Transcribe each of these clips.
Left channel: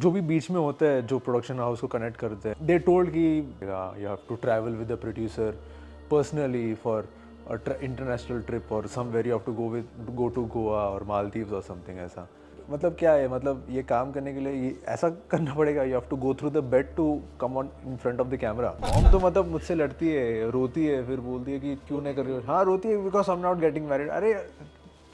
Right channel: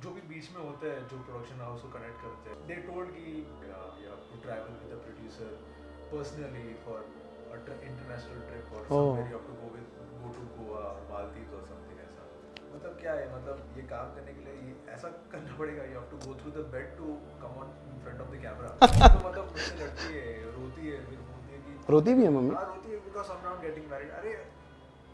जो भी बीच में होता है जो प्रोडक्शन हाउस को कनेक्ट करते हैं, दे टोल्ड कि you have to travel with the producer personally for international trip और somewhere you have to go to Goa और मालदीव्स और समथिंग ऐसा। मतलब क्या है, मतलब ये काम करने के लिए ये ऐसा करना पड़ेगा, you have to go through the bed to come on in front of the camera. तो मतलब मुझसे लड़ती है, रोती है, फिर बोलती है कि रोती भी है मम्मी? हाँ रोती है, because I am not getting married. अरे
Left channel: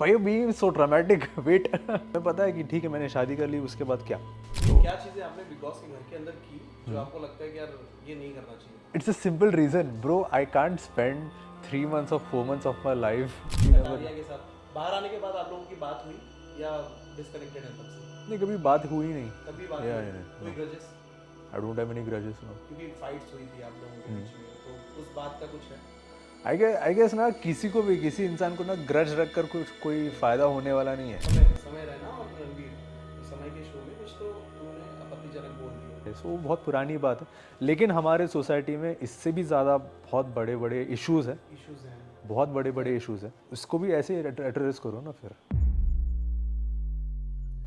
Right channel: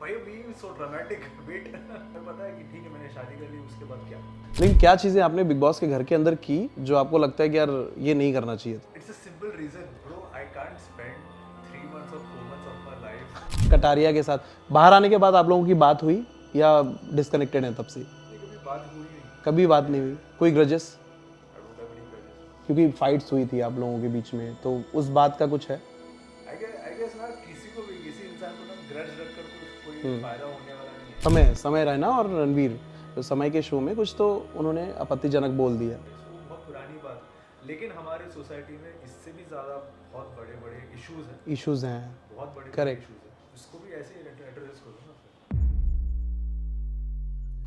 भाई बीइंग सो ड्रामेटिक वेट मैं पता है कि ठीक है मैंने शादी कर ली, उसके बाद क्या। लेकिन क्या चीजें आपने बिग बॉस के घर के अंदर की जो आपको लगता है कि यार ये नहीं करना चाहिए था? It's a simple reason bro, I can't spend 3 months or 4 months of my life. Kataria के साथ बाहर आने के बाद आप लोगों की बात हुई या डिस्कनेक्टेड है तब से? नहीं, कभी बात हुई नहीं। कभी बात नहीं हुई? कोई grudges? I don't have any grudges. क्योंकि फाइट्स हुई थी आप लोगों के बीच में, तो उस बात का कुछ है? आई गेस ना, किसी को भी, किसी इंसान को ना ग्रज रख कर कुछ कोई फायदा होने वाला नहीं है। समय रैना और रणवीर तो समय के शो में कुछ तो उन्होंने आपत्तिजनक बोल दिया। सो वो बहुत पुरानी बात है, लेकिन हमारे सोसाइटी में इससे भी ज़्यादा बहुत बड़े बड़े इश्यूज हैं। बहुत बड़े बड़े इश्यूज हैं, उसको भी ऐसे एड्रेस करो ना फिर।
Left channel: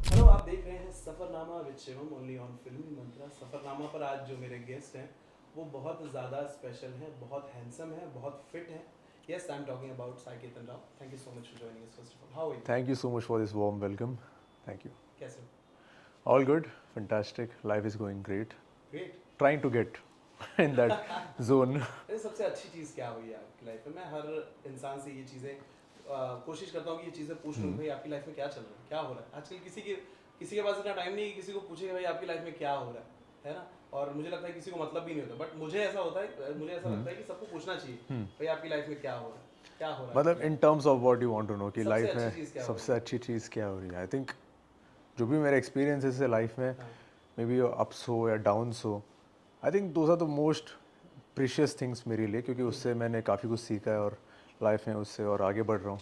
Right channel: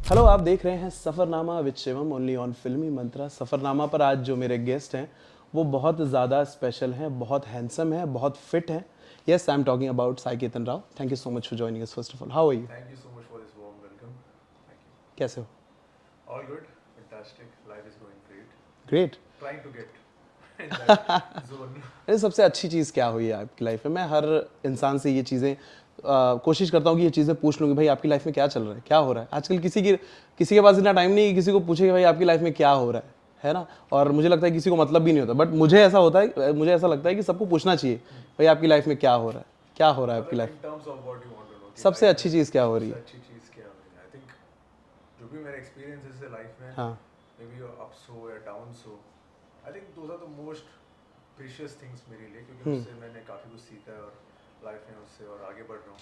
हेलो, आप देख रहे हैं Safarnama with Shivam only on फिल्मी मंत्रा। सफरनामा पर आज जो मेरे गेस्ट हैं वो बहुत ज़्यादा स्पेशल हैं, बहुत हैंडसम हैं, बहुत फिट हैं। Yes, I am talking about Sai Ketan Rao. Thank you so much for joining us. First of all, how are you? Thank you so much for this warm welcome. Thank you. कैसे हो? All good, fantastic, life is going great. Great. Trying to get in that zone. अरे सबसे अच्छी चीज़ क्या हुई है आपकी life में? मैं हर इंसान से ये चीज़ें कोशिश करता हूँ कि ये चीज़ें पूछ लूँ कि भाई आपकी लाइफ में क्या चल रहा है, क्या हो रहा है। आजकल किसी के पास इतना टाइम नहीं है किसी को पूछे कि भाई आपकी लाइफ में क्या हो रहा है ना? और मुझे लगता है किसी को मतलब भी नहीं होता, बट मुझे ऐसा होता है, मुझे ऐसा लगता है कि सबको पूछना चाहिए भाई आपकी लाइफ में क्या हो रहा है, क्या हो रहा है आपकी मतलब life in terms of what you want to know कि सबसे लाइफ अच्छी में चीज़ क्या हो रही सबसे है? अच्छी चीज़ क्या हो रही है। आई थिंक जो भी मेरे एक्सपीरियंसेस है लाइफ में, हाँ। मे बी अप्स हो या डाउन्स हो, I think those are the most precious things मेरे लिए, क्योंकि उससे मैंने काफ़ी कुछ सीखा है और लाइफ में उससे और आगे बढ़ रहा हूँ।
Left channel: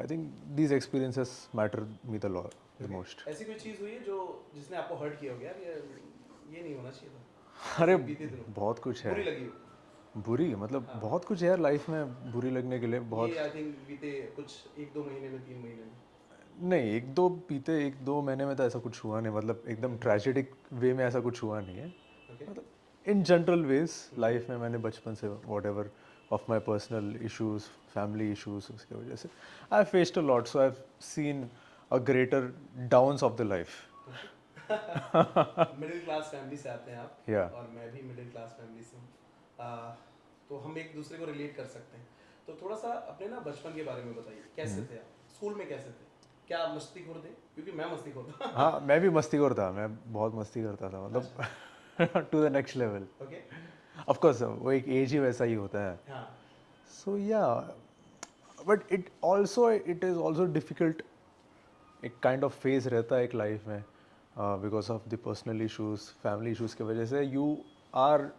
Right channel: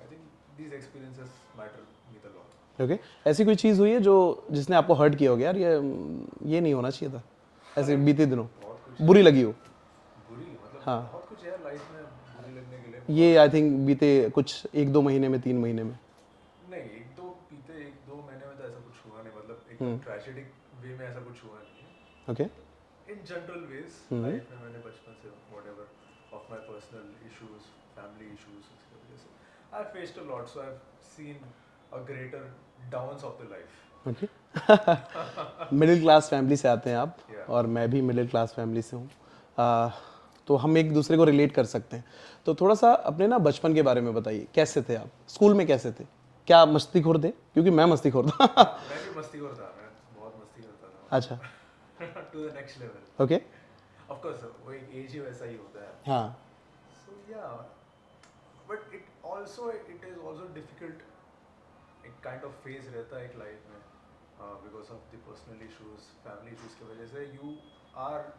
I think these experiences matter me the lot most. ऐसी कोई चीज़ हुई है जो जिसने आपको हर्ट किया हो गया, यार ये नहीं होना चाहिए था, ऐसे बीते दिनों बहुत कुछ बुरी लगी हो? बुरी मतलब बहुत कुछ है यार लाइफ में बुरी लगने के लिए। ये आई थिंक बीते कुछ 1-2 महीने में, 3 महीने में? नहीं, एक दो महीने में तो ऐसा कुछ हुआ नहीं, मतलब एकदम ट्रेजेडिक वे में ऐसा कुछ हुआ नहीं है। Okay. In general ways life में मैंने बचपन से whatever of my personal issues, family issues, उसके वजह से I faced a lot, so I have seen a greater downs of the life. Okay. Middle class family से आते हैं आप। Yeah. और मैं भी मिडिल क्लास फैमिली से हूँ। तो हम एक दूसरे को रिलेट कर सकते हैं। तो थोड़ा सा अपने ना बचपन के बारे में बताइए, कैसे थे आप स्कूल में, कैसे थे? क्या मस्तीखोर थे? क्योंकि मैं मस्तीखोर था। हाँ, मैं भी मस्तीखोर था, मैं बहुत मस्ती करता था, अच्छा। मतलब to the next level. Okay. Of course वो एक एज ही वैसा ही होता है। हाँ। So yeah, but it is also difficult. एक काइंड ऑफ फेज रहता है एक लाइफ में, because of the personal issues, family issues की वजह से you are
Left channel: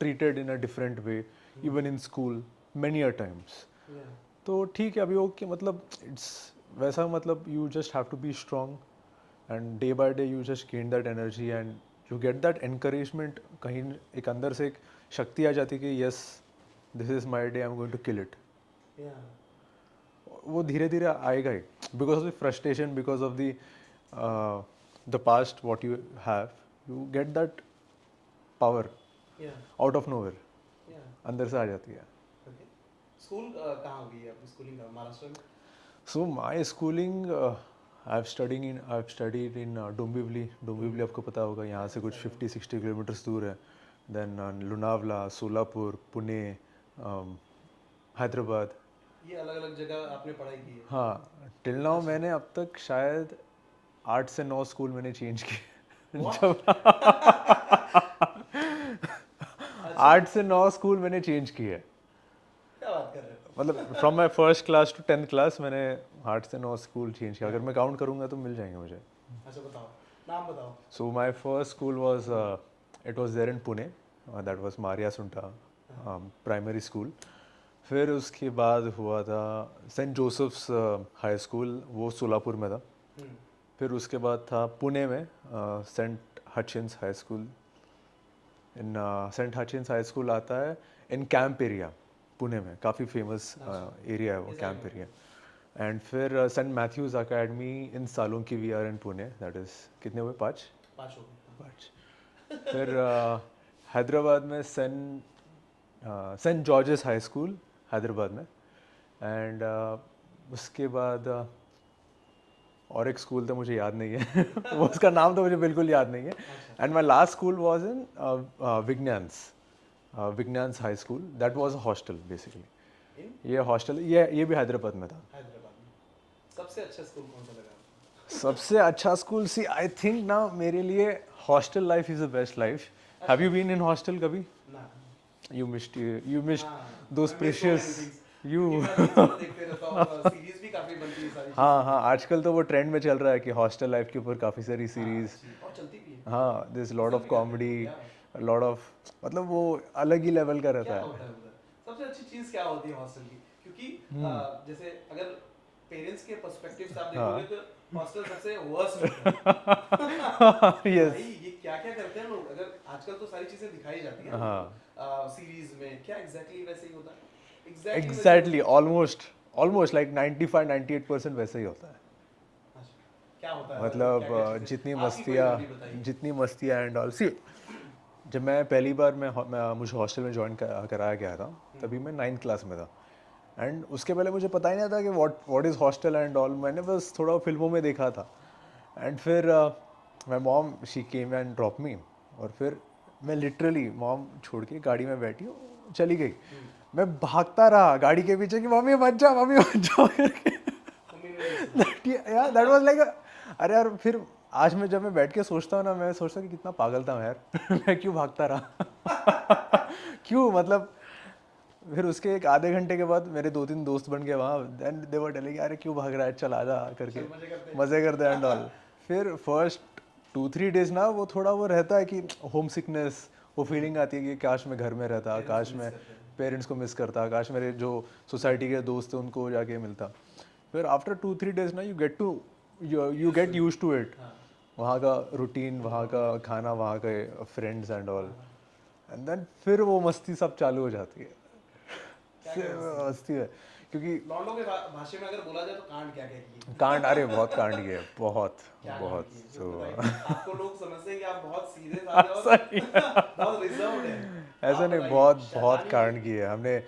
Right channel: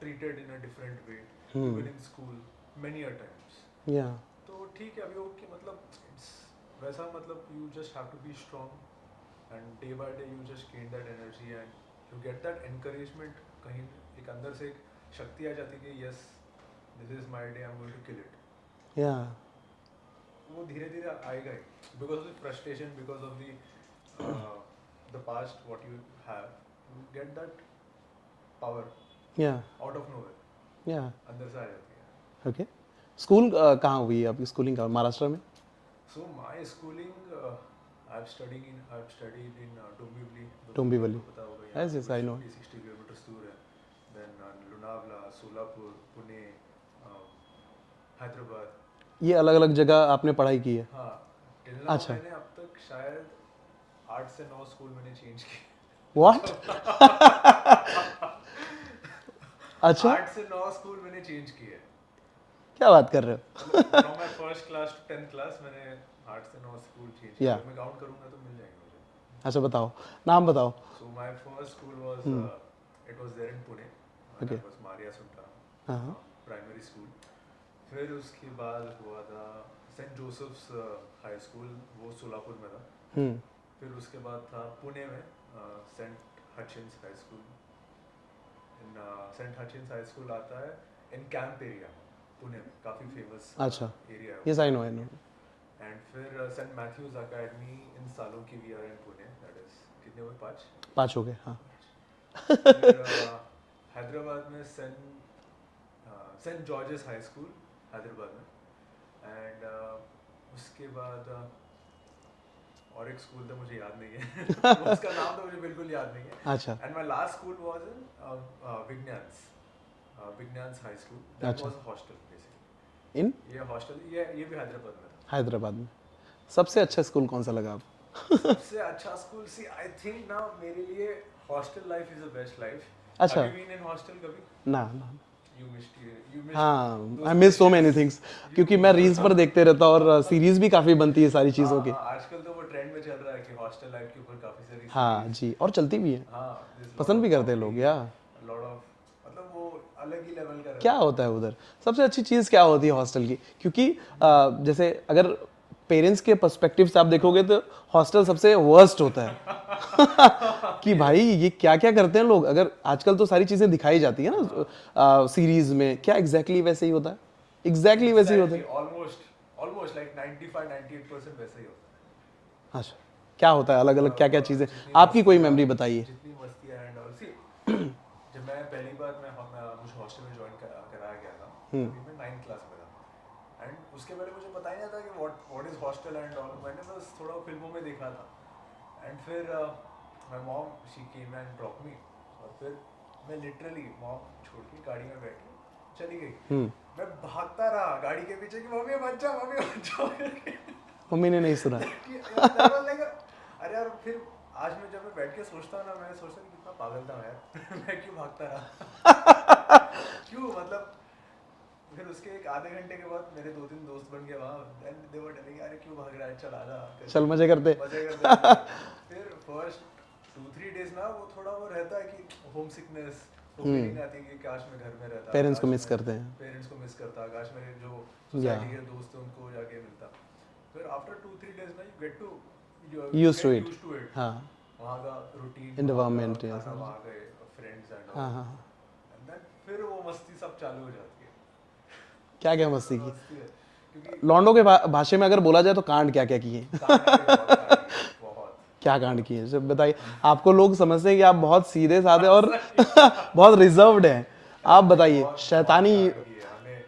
treated in a different way even in school many a times. या तो ठीक है, अभी ओके, मतलब इट्स वैसा, मतलब you just have to be strong and day by day you just gain that energy and you get that encouragement. कहीं एक अंदर से एक शक्ति आ जाती है कि yes, this is my day, I am going to kill it. या वो धीरे धीरे आएगा ही, because of the frustration, because of the past what you have, you get that power या आउट ऑफ नोवेयर, या अंदर से आ जाती है। ओके। स्कूल कहाँ हुई है आपकी? स्कूलिंग कहाँ? महाराष्ट्र में? So my schooling, I've studied in Dombivli. Dombivli Valley. आपको पता होगा, यहाँ Yes, से yes, कुछ I know. 50-60 किलोमीटर्स दूर है। Then लोनावला, सोलापुर, पुणे, हैदराबाद। ये अलग अलग जगह आपने पढ़ाई की है? हाँ, टिल नाउ अच्छा। मैंने अब तक शायद 8 से 9 स्कूल मैंने चेंज किए। What? अच्छा, 8 से 9 स्कूल मैंने चेंज किए। क्या बात कर रहे हो? मतलब from my first class to 10th class मैंने 8 से 9 स्कूल चेंज किया। Yeah. अगर मैं काउंट करूँगा तो मिल जाएंगे मुझे। अच्छा बताओ, नाम बताओ। So my first school was it was there in Pune. That was Maria Sunta primary school. फिर उसके बाद हुआ था सेंट जोसेफ्स हाई स्कूल, वो सोलापुर में था। फिर उसके बाद था पुणे में सेंट हचिन्स हाई स्कूल। इन सेंट हचिन्स हाई स्कूल आता है इन कैंप एरिया, पुणे में काफ़ी फेमस एरिया है वो। Yes, I know, I know. And फिर सेंट मैथ्यूज अकेडमी इन सालों की we are in Pune, that is कितने हुए, 5? 5 हो गए, हाँ। फिर हैदराबाद में Saint George's High School Hyderabad में, एंड उसके बाद और एक स्कूल था, मुझे याद नहीं है वो उसका नाम तो मुझे बिल्कुल याद नहीं है। अच्छा। And my last school was in Vigyan's high school, that was a hostel basically. In ये हॉस्टल ये भी हैदराबाद में था। हैदराबाद में सबसे अच्छा स्कूल कौन सा लगा आपको? सबसे अच्छा स्कूल, सी आई थिंक ना मेरे लिए hostel life is the best life. अच्छा। Have you been in hostel कभी? ना, यू मिस्ड हाँ, those I miss so many precious- things, you- क्योंकि मैं रील्स पर देखते रहता हूँ और सीरीज भी काफी बनती है सारी चीजों हाँ की। हाँ, आजकल तो वो ट्रेंड में चल रहा है कि हॉस्टल लाइफ के ऊपर काफी सारी हाँ सीरीज। जी, और चलती भी है, हाँ, दिस लॉट पसंद ऑफ भी करते हैं लोग। कॉमेडी, या लॉट ऑफ, मतलब वो अलग ही लेवल का रहता क्या है। होता है उधर? सबसे अच्छी चीज क्या होती है हॉस्टल की? क्योंकि जैसे अगर पेरेंट्स के पर्सपेक्टिव से आप देखोगे तो हॉस्टल सबसे वर्स्ट होता है कि भाई ये क्या क्या करते हैं लोग। अगर आजकल तो सारी चीजें दिखाई जाती है ना सीरीज में, क्या एग्जैक्टली वैसे ही होता है? एग्जैक्टली वैसे ही होता एग्जैक्टली, ऑलमोस्ट लाइक 95-98% वैसे ही होता है। है। अच्छा, क्या होता है अलग अलग, क्या क्या चीजें? जितनी आपकी कोई मस्तियाँ- मेमोरी बताइए। जितनी मस्तियाँ एंड ऑल, सी जब मैं पहली बार मुझे हॉस्टल में ज्वाइन कराया गया था, तभी मैं 9th क्लास में था। एंड उसके पहले मुझे पता ही नहीं था कि what is hostel and all. मैंने बस थोड़ा फिल्मों में देखा था। एंड फिर my mom she came and drop me, और फिर मैं लिटरली मॉम छोड़ के गाड़ी में बैठी, चली गई। मैं भागता रहा गाड़ी के पीछे कि मम्मी मत जाओ, मम्मी मत जाओ करके। मम्मी ने नहीं सुना। यार दैट वाज लाइक, अरे यार, फिर आज मैं जब मैं बैठ के सोचता हूँ ना, मैं सोचता हूँ कि कितना पागल था मैं यार मैं क्यों भागता रहा क्यों, मतलब। फिर उसके एक आधे घंटे के बाद मेरे 2-3 दोस्त बन गए वहाँ, एंड दे वर टेलिंग अरे क्यों भाग रहा है, चल आजा करके, चल मजे करते। मजे करते हैं and all। फिर फर्स्ट 2-3 डेज ना वो थोड़ा वो रहता है कि होम सिकनेस, वो फीलिंग आती है कि काश मैं घर में रहता, पेरेंट्स काश को मिस मैं करते हैं। पेरेंट्स को मिस करता, काश मेरे जो सोसाइटी के दोस्त हैं उनको जाके मिलता। फिर आफ्टर 2-3 डेज ना you get Used to it. Used to it, हाँ, वहाँ का रूटीन, वहाँ का Environment, खाना, वहाँ के फ्रेंड्स एंड ऑल। हाँ। एंड देन फिर वो मस्ती सब चालू हो जाती है। क्या क्या फिर मस्ती की? मस्ती है, क्योंकि लॉन्डो के भाषा में अगर बोला जाए तो कांड क्या क्या किए? कांड, अरे बहुत कांड किए, बहुत। क्या कांड किए सब बताइए। आपको लोग समझते हैं कि आप बहुत सीधे साधे और बहुत रिजर्व्ड हैं, आप ऐसा नहीं, बताइए। बहुत शैतानी कांड किए हमने।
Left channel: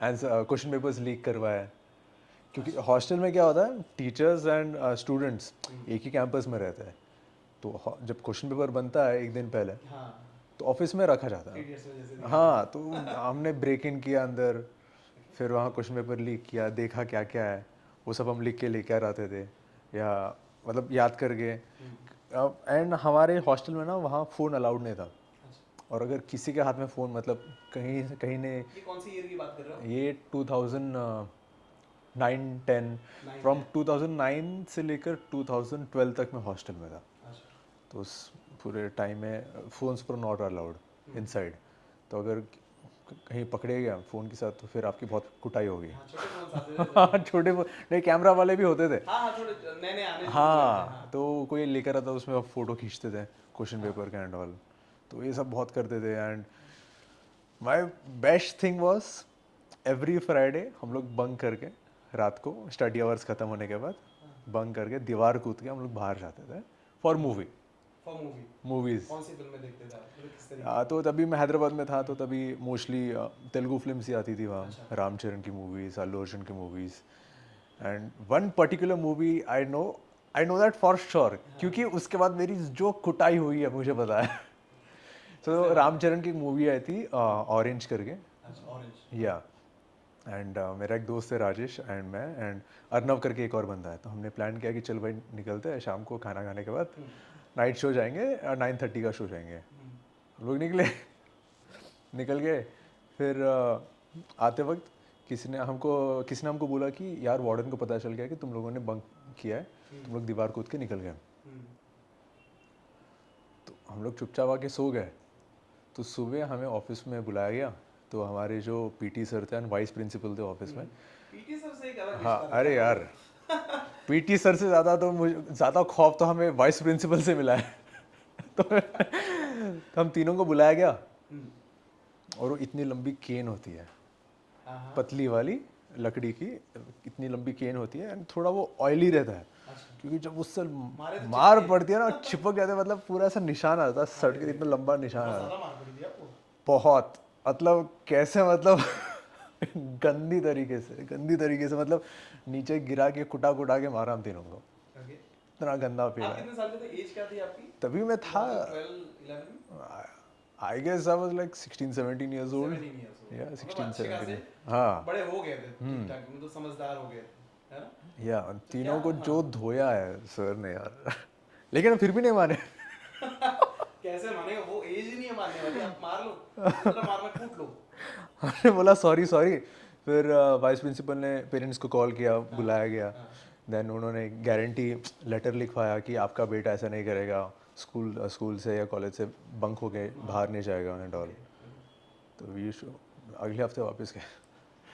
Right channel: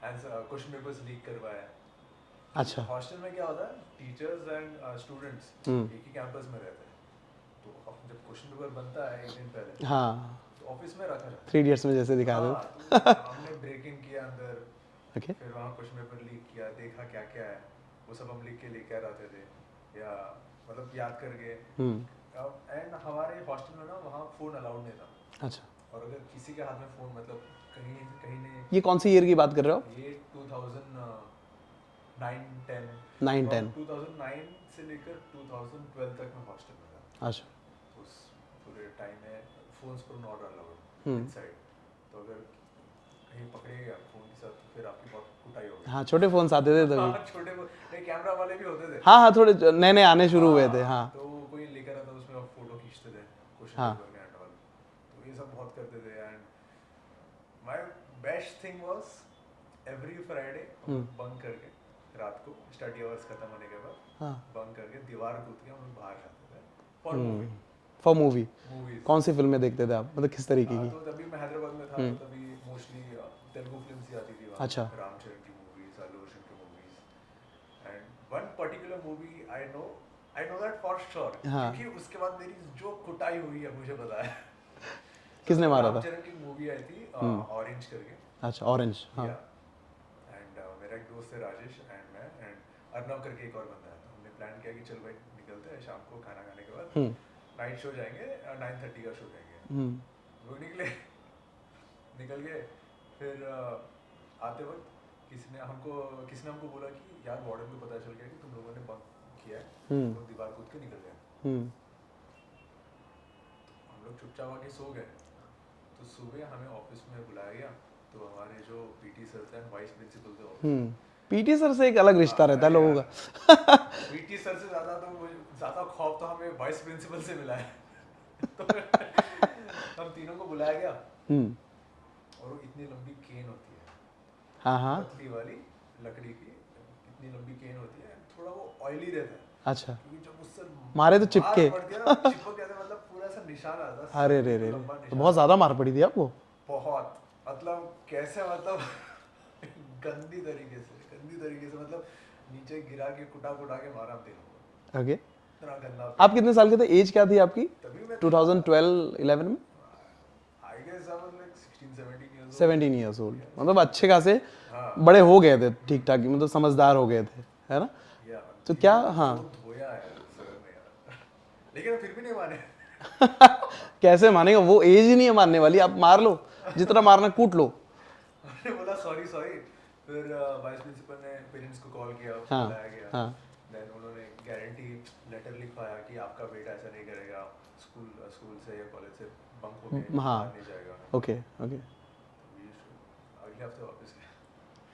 क्वेश्चन पेपर्स लीक करवाए। अच्छा, हॉस्टल में क्या होता है, टीचर्स एंड स्टूडेंट्स एक ही कैंपस में रहते हैं, तो जब क्वेश्चन पेपर बनता है एक दिन पहले, हाँ, तो ऑफिस में रखा जाता 3 इडियट्स में जैसे है। दिखा हाँ, तो हमने ब्रेक इन किया अंदर, ओके। फिर वहाँ क्वेश्चन पेपर लीक किया, देखा क्या क्या है, वो सब हम लिख के लेकर आते थे, या मतलब याद करके। एंड हमारे हॉस्टल में ना वहाँ फ़ोन अलाउड नहीं था, अच्छा, और अगर किसी के हाथ में फ़ोन, मतलब कहीं कहीं ने, ये कौन सी ईयर की बात कर रहे हो? ये 2009-10, 9 फ्रॉम 10 2009 से लेकर 2012 तक मैं हॉस्टल में था। अच्छा, तो उस पूरे टाइम में फ़ोन्स पर नॉट अलाउड इनसाइड, तो अगर कहीं पकड़े गया फ़ोन के साथ तो फिर आपकी बहुत कुटाई होगी। हाँ, छोटे फोन्स आते थे तभी। छोटे नहीं, कैमरा वाले भी होते थे। हाँ हाँ, थोड़े नए नए आने शुरू हुए थे। हाँ, तो कोई लेकर आता, उसमें आप फोटो खींचते थे क्वेश्चन पेपर का एंड ऑल, तो ये सब बहुत करते थे। And my best thing was every Friday हम लोग बंक करके, रात को स्टडी आवर्स खत्म होने के बाद बंक करके दीवार कूद के हम लोग बाहर जाते थे फॉर फॉर मूवी। मूवीज। कौन सी फिल्में देखते थे आप, मतलब किस तरीके की? तो तभी मैं हैदराबाद में था, तो तभी मोस्टली तेलुगु फिल्म्स ही आती थी वहाँ। अच्छा। रामचरण की मूवीज, अल्लू अर्जुन की movies, and one particular movie I know that for sure, क्योंकि उसके बाद मेरी जो कुटाई हुई है मुझे पता है। किसने मारा था? रामचरण की मूवी आई थी ऑरेंज करके, अच्छा, ऑरेंज। या एंड मेरा एक दोस्त है राजेश एंड मैं एंड अर्नव करके एक और बंदा है, तो हमने प्लान किया कि चल भाई निकलते हैं शाम को खाना खाने के बाद, नाइट शो जाएंगे, 9:30 का शो जाएंगे। लोग निकल गए। फिर आते वक्त किसी ने हमको बोला कि यार वार्डन को पता चल गया कि तुम लोगों ने बंक किया है, तुम लोग दीवार कूद के निकल गए। तो हम लोग चुपचाप आके सो गए। तो सुबह हमें ऑफिस में बुलाया गया, तो हमारे जो पीटी सर थे, वाइस प्रिंसिपल थे ऑफिस में। पीटी सर से एक अलग रिश्ता रहता है अरे लोगों का। पीटी सर से ज्यादा खौफ तो हमें वाइस प्रिंसिपल से मिला है। तो हम तीनों को बुलाया गया, और वो इतनी लंबी केन होती है, हाँ हाँ, पतली वाली, लकड़ी की इतनी लंबी केन होती है एंड थोड़ा वो ऑयली रहता है, अच्छा, क्योंकि जब उससे मारे तो मार चिपके। पड़ती है ना चिपक जाते हैं, मतलब पूरा ऐसा निशान आता है, सर अरे पे रे इतना रे, लंबा तो निशान बहुत आता है। ज्यादा मार पड़ी थी आपको। बहुत, मतलब कैसे, मतलब गंदी तरीके से मतलब नीचे गिरा के कुटा कुटा के मारा हम तीनों को, ओके, इतना गंदा आप पेन। कितने साल के थे, एज क्या थी आपकी तभी मैं था, 2012-11 में? I guess I was like 16-17 years old. 17 years old, Yeah, मतलब 16, अच्छे खासे 17। हाँ, बड़े हो गए थे, ठीक ठाक, मतलब समझदार हो गए थे, है ना? या तो क्या, तीनों को हाँ जो धोया है सर ने यार लेकिन फिर भी नहीं माने। कैसे मानेगा, वो एज ही नहीं है मारने वाली, आप मार लो, जितना मारना कूट लो। हमने बोला सॉरी सॉरी, फिर वाइस प्रिंसिपल ने पेरेंट्स को कॉल किया, हाँ, बुलाया गया, हाँ, देन उन्होंने गारंटी लेटर लिखवाया कि आपका बेटा ऐसा नहीं करेगा, स्कूल से या कॉलेज से बंक होके हाँ, बाहर नहीं जाएगा and all। ओके ओके, तो वी अगले हफ्ते वापस गए।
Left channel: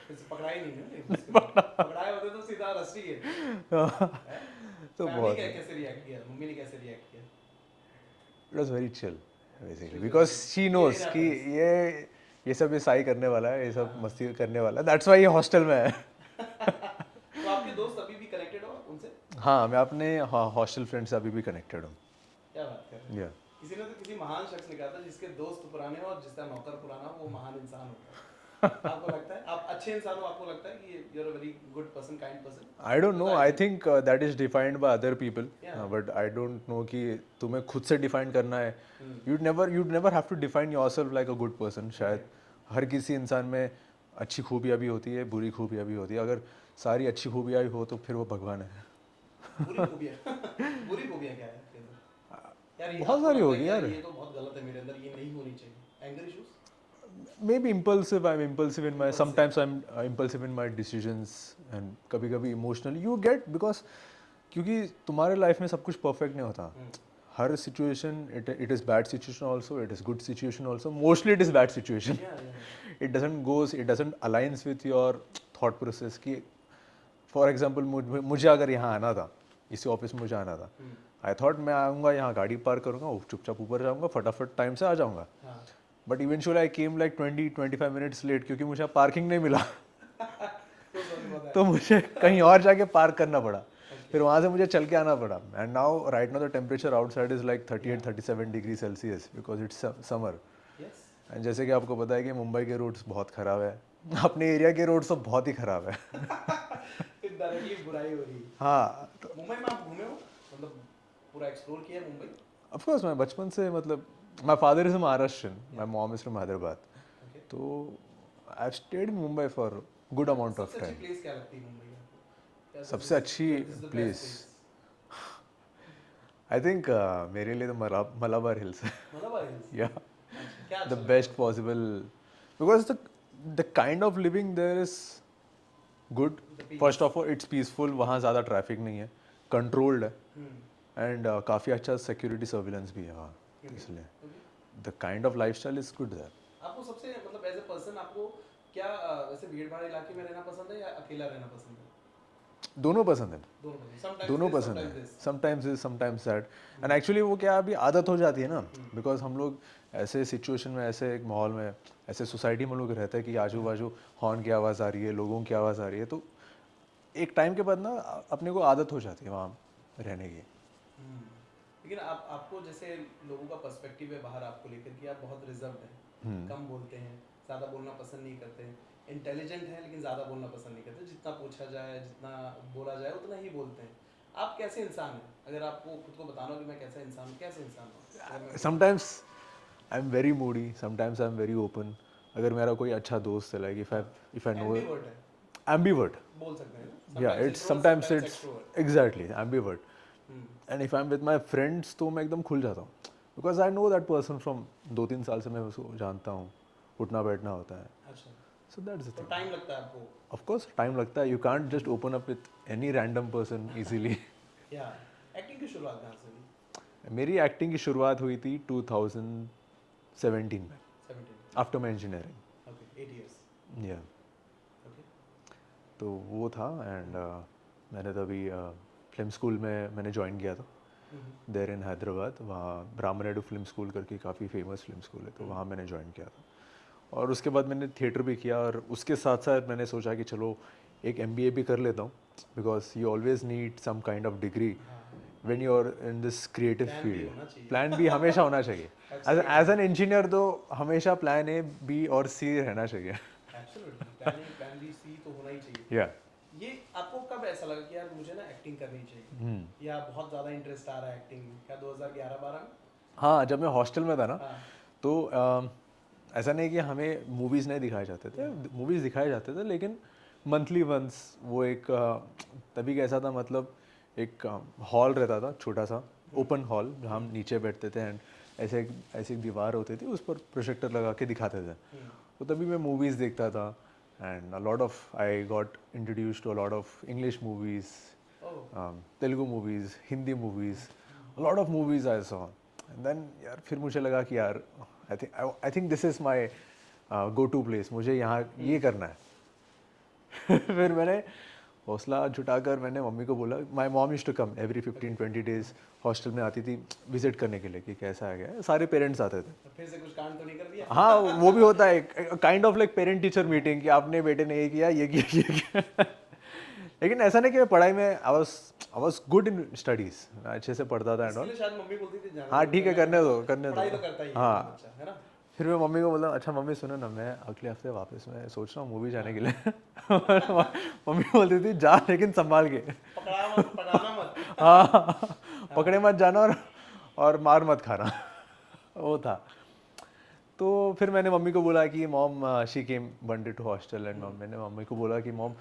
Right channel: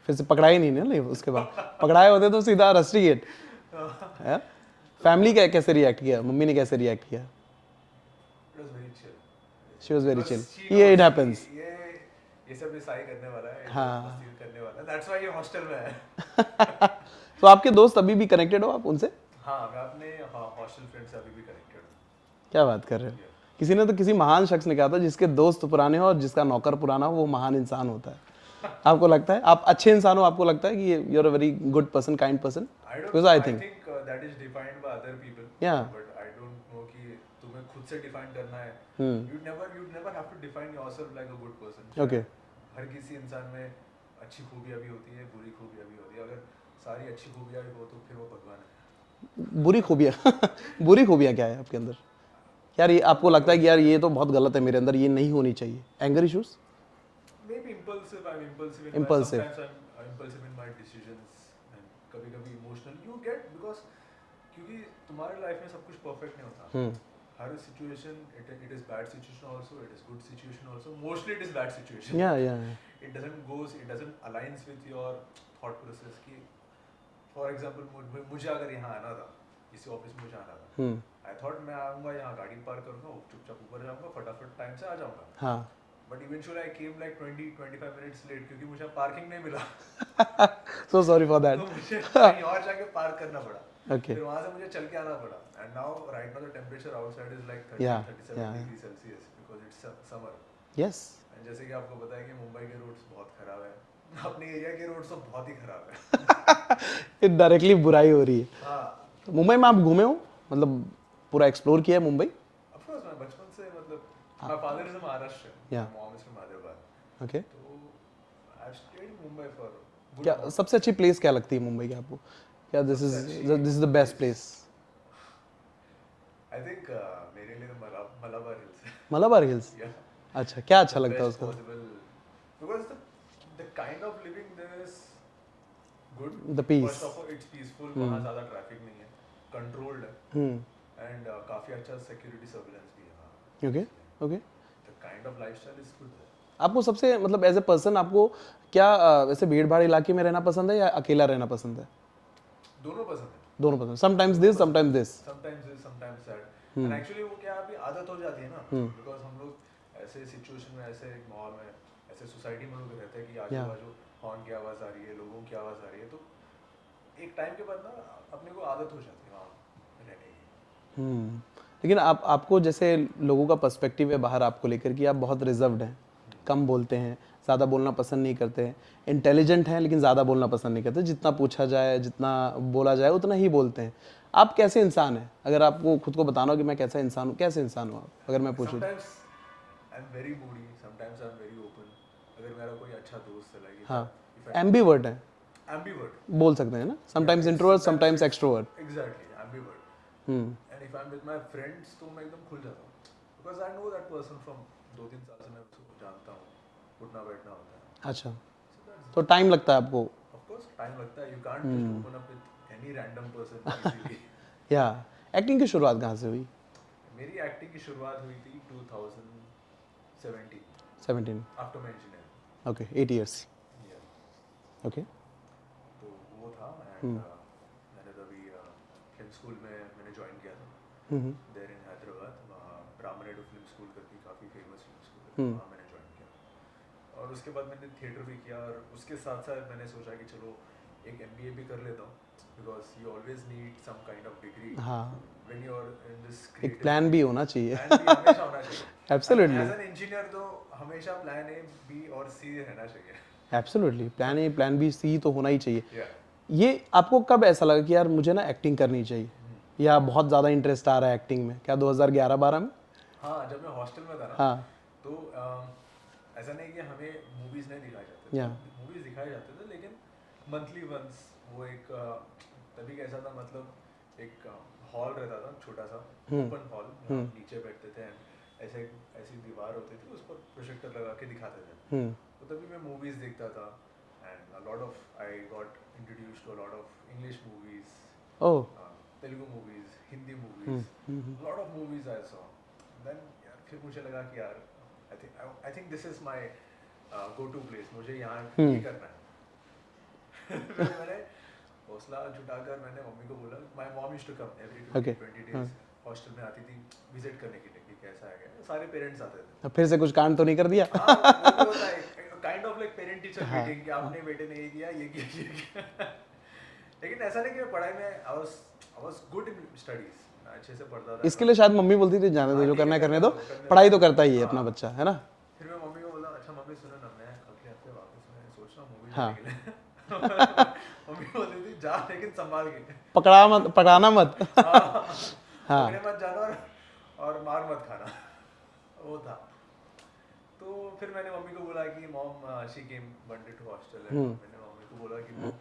फिर से पकड़ा ही नहीं ना, नहीं उसके बाद पकड़ाए होते तो सीधा रस्टिकेट। तो फैमिली बहुत कैसे रिएक्ट किया, मम्मी ने कैसे रिएक्ट किया? It was very chill she was very because chill, she ये इट नोस कि हैपेंस। ये सब ये सही करने वाला है, ये सब हाँ। मस्ती करने वाला है, दैट्स व्हाई ये हॉस्टल में है। तो आपके दोस्त अभी भी कनेक्टेड हो आप उनसे? हाँ, मैं अपने हॉस्टल फ्रेंड से अभी भी कनेक्टेड हूँ। क्या बात कर रहे हैं? Yeah. किसी ने तो किसी महान शख्स ने कहा था, जिसके दोस्त पुराने हो और जिसका नौकर पुराना हो, वो महान इंसान होता है। आपको लगता है आप अच्छे इंसान हो? आपको लगता है कि you are a very good person, kind person? I don't know, I think that is defined by other people, Yeah. but I don't know कि तुम्हें खुद से डिफाइन करना है। you'd never have to define yourself like a good person। शायद हर किसी इंसान में अच्छी खूबियाँ भी होती है, बुरी खूबियाँ भी होती है, अगर सारी अच्छी खूबियाँ ही हो तो फिर वो भगवान है। बुरी खूबियाँ बुरी खूबियाँ क्या है आपके अंदर? यार ये आपको बहुत सारी लगता है होती कि यार है। ये तो बहुत गलत है मेरे अंदर, ये नहीं होनी चाहिए? Anger issues? Maybe impulsive, I'm impulsive in my, Impulsive. sometimes I'm impulsive in my decisions and कभी-कभी emotional you get, because क्योंकि तुम्हारे लाइफ में सब कुछ परफेक्ट नहीं होता। हर situation, it is bad situation also, it is good situation also, mostly it is bad situation। या it doesn't aligns with your thought process कि for example मुझे अगर यहाँ आना था, इसी ऑफिस में मुझे आना था, आई थॉट मैं आऊँगा यहाँ गाड़ी पार्क करूँगा, चुपचाप ऊपर जाऊँगा, फटाफट टाइम से आ जाऊँगा, हाँ। But eventually I came like 20-25 minutes late, क्योंकि मुझे पार्किंग नहीं मिला। So sorry for that. तो मुझे कहीं और जाके पार्क करना पड़ा। Okay. फिर वहाँ से मुझे चल के आना पड़ा, and now right now the temperature outside is like 38-37 degree Celsius because it's summer. Yes, and जैसे कि आपको पता है कि मुंबई के रोड्स बहुत खराब है, अपने एरिया के रोड्स तो बहुत ही खराब है। ये डायरेक्टली बुराई हो रही है। हाँ, मुंबई में आप घूमे हो, मतलब पूरा एक्सप्लोर किया है मुंबई? ऑफ कोर्स मैं बचपन से, मतलब my father is Maharashtrian, my mom is from Hyderabad, okay. तो I have stayed in Mumbai for good क्या अमाउंट। सबसे अच्छी प्लेस क्या लगती है मुंबई की आपको? क्या this is the best place? I think मेरे लिए तो मलाबार हिल्स है। मलाबार हिल्स? या अच्छा, क्या अच्छा the लगता है best उसको? possible, because the kind of living there is good। The peace. First of all it's peaceful, वहाँ ज़्यादा ट्रैफिक नहीं है, कंट्रोल्ड है, एंड काफ़ी अच्छा सिक्योरिटी सर्विलेंस भी है वहाँ। Okay okay. The kind of lifestyle is good there. आपको सबसे, मतलब एज ए पर्सन, आपको क्या वैसे भीड़ भाड़ इलाके में रहना पसंद है या अकेला रहना पसंद है? दोनों पसंद है। दोनों पसंद, समटाइम्स दोनों दिस पसंद समटाइम्स है। This. Sometimes that, and actually वो क्या अभी आदत हो जाती है ना, बिकॉज हम लोग ऐसे सिचुएशन में, ऐसे एक माहौल में, ऐसे सोसाइटी में लोग रहते हैं कि आजू बाजू हॉर्न की आवाज़ आ रही है, लोगों की आवाज़ आ रही है, तो एक टाइम के बाद ना अपने को आदत हो जाती है वहाँ रहने की। लेकिन आपको जैसे लोगों का पर्सपेक्टिव है बाहर आपको लेकर कि आप बहुत रिजर्व्ड हैं, कम बोलते हैं, ज़्यादा बोलना पसंद नहीं करते हैं, इंटेलिजेंट हैं लेकिन ज़्यादा बोलना पसंद नहीं करते, जितना पूछा जाए, जितना बोला जाए उतना ही बोलते हैं। आप कैसे इंसान हैं? अगर आपको खुद को बताना हो कि मैं कैसा इंसान हूँ, कैसे इंसान हूँ आप, अगर मैं पूछूं? Sometimes I am very Moody, sometimes I am very open. अगर मेरा कोई अच्छा दोस्त है, लाइक इफ आई एम्बीवर्ट है, एम्बीवर्ट बोल सकते हैं ना, sometimes introvert sometimes extrovert. Exactly, ambivert. And if I am with my friends तो मैं एकदम खुल जाता हूँ, because I know that person from 2-3 साल से मैं उसको जानता हूँ, उठना बैठना होता है। अच्छा, सो दैट्स इट। तो टाइम लगता है आपको? ऑफ कोर्स टाइम लगता है, you can't just open up with any random person easily. या एक्टिंग की शुरुआत कहाँ से हुई? मेरी एक्टिंग की शुरुआत हुई थी 2017 में, 17? After my engineering. Okay, 8 years. या ओके। तो वो था, एंड मैंने तभी फिल्म स्कूल में मैंने ज्वाइन किया था देर इन हैदराबाद। वहाँ ब्राह्मणाडू फिल्म स्कूल करके काफ़ी फेमस फिल्म स्कूल है, तो वहाँ मैंने ज्वाइन किया था। और उसके बाद मैंने थिएटर भी किया, और उसके साथ साथ मैंने सोचा कि चलो एक MBA भी कर लेता हूँ, because you always need some kind of degree हाँ, when you are in this creative plan भी होना चाहिए। प्लान भी हमेशा होना चाहिए। Absolutely. एज एन इंजीनियर तो हमेशा प्लान A, B और C रहना चाहिए। Absolutely, plan A plan B C तो होना ही चाहिए। या ये आपको कब ऐसा लगा कि यार मुझे ना एक्टिंग करनी चाहिए, या बहुत ज़्यादा इंटरेस्ट आ रहा है एक्टिंग में? क्या 2011-12 में? हाँ, जब मैं हॉस्टल में था ना, हाँ, तो ऐसा नहीं कि हमें मूवीज़ नहीं दिखाए जाते थे, मूवीज़ दिखाए जाते थे, लेकिन मंथली वंस वो एक तभी कैसा था, मतलब एक हॉल रहता था छोटा सा, ओपन हॉल, जहाँ हम नीचे बैठते थे, एंड ऐसे एक दीवार होती थी, उस पर प्रोजेक्टर लगा के दिखाते थे। तो तभी मैं मूवीज़ देखता था, and I got introduced to a lot of English movies, oh, Telugu movies, Hindi movies, lot of movies I saw. And then यार फिर मुझे लगा कि यार I think this is my go to place, मुझे यहाँ ये करना है। फिर मैंने हौसला जुटाकर मैंने मम्मी को बोला, my mom used to come every 15-20 days, hostel में आती थी विजिट करने के लिए कि कैसा है, क्या सारे पेरेंट्स आते थे। फिर से कुछ कांड तो नहीं कर दिया? हाँ, वो भी होता है, kind of like parent teacher meeting, कि आपने बेटे ने ये किया, ये किया, ये किया। लेकिन ऐसा नहीं कि मैं पढ़ाई में I was good in studies, मैं अच्छे से पढ़ता था। इसके लिए शायद मम्मी बोलती थी जाने हाँ, दो, जो ठीक है, करना है करने दो, करने पढ़ाई दो। तो करता ही है हाँ। अपना बच्चा, है ना? फिर मैं मम्मी को बोला, अच्छा मम्मी सुनो ना, मैं अगले हफ्ते वापस मैं सोच रहा हूँ मूवी जाने के लिए। मम्मी बोलती थी जा, लेकिन संभाल के, पकड़ाना मत। हाँ, पकड़े मत जाना, और मार मत खाना। वो था। तो फिर मैंने मम्मी को बोला कि mom, she came one day to hostel, and मैंने मम्मी को बोला कि मॉम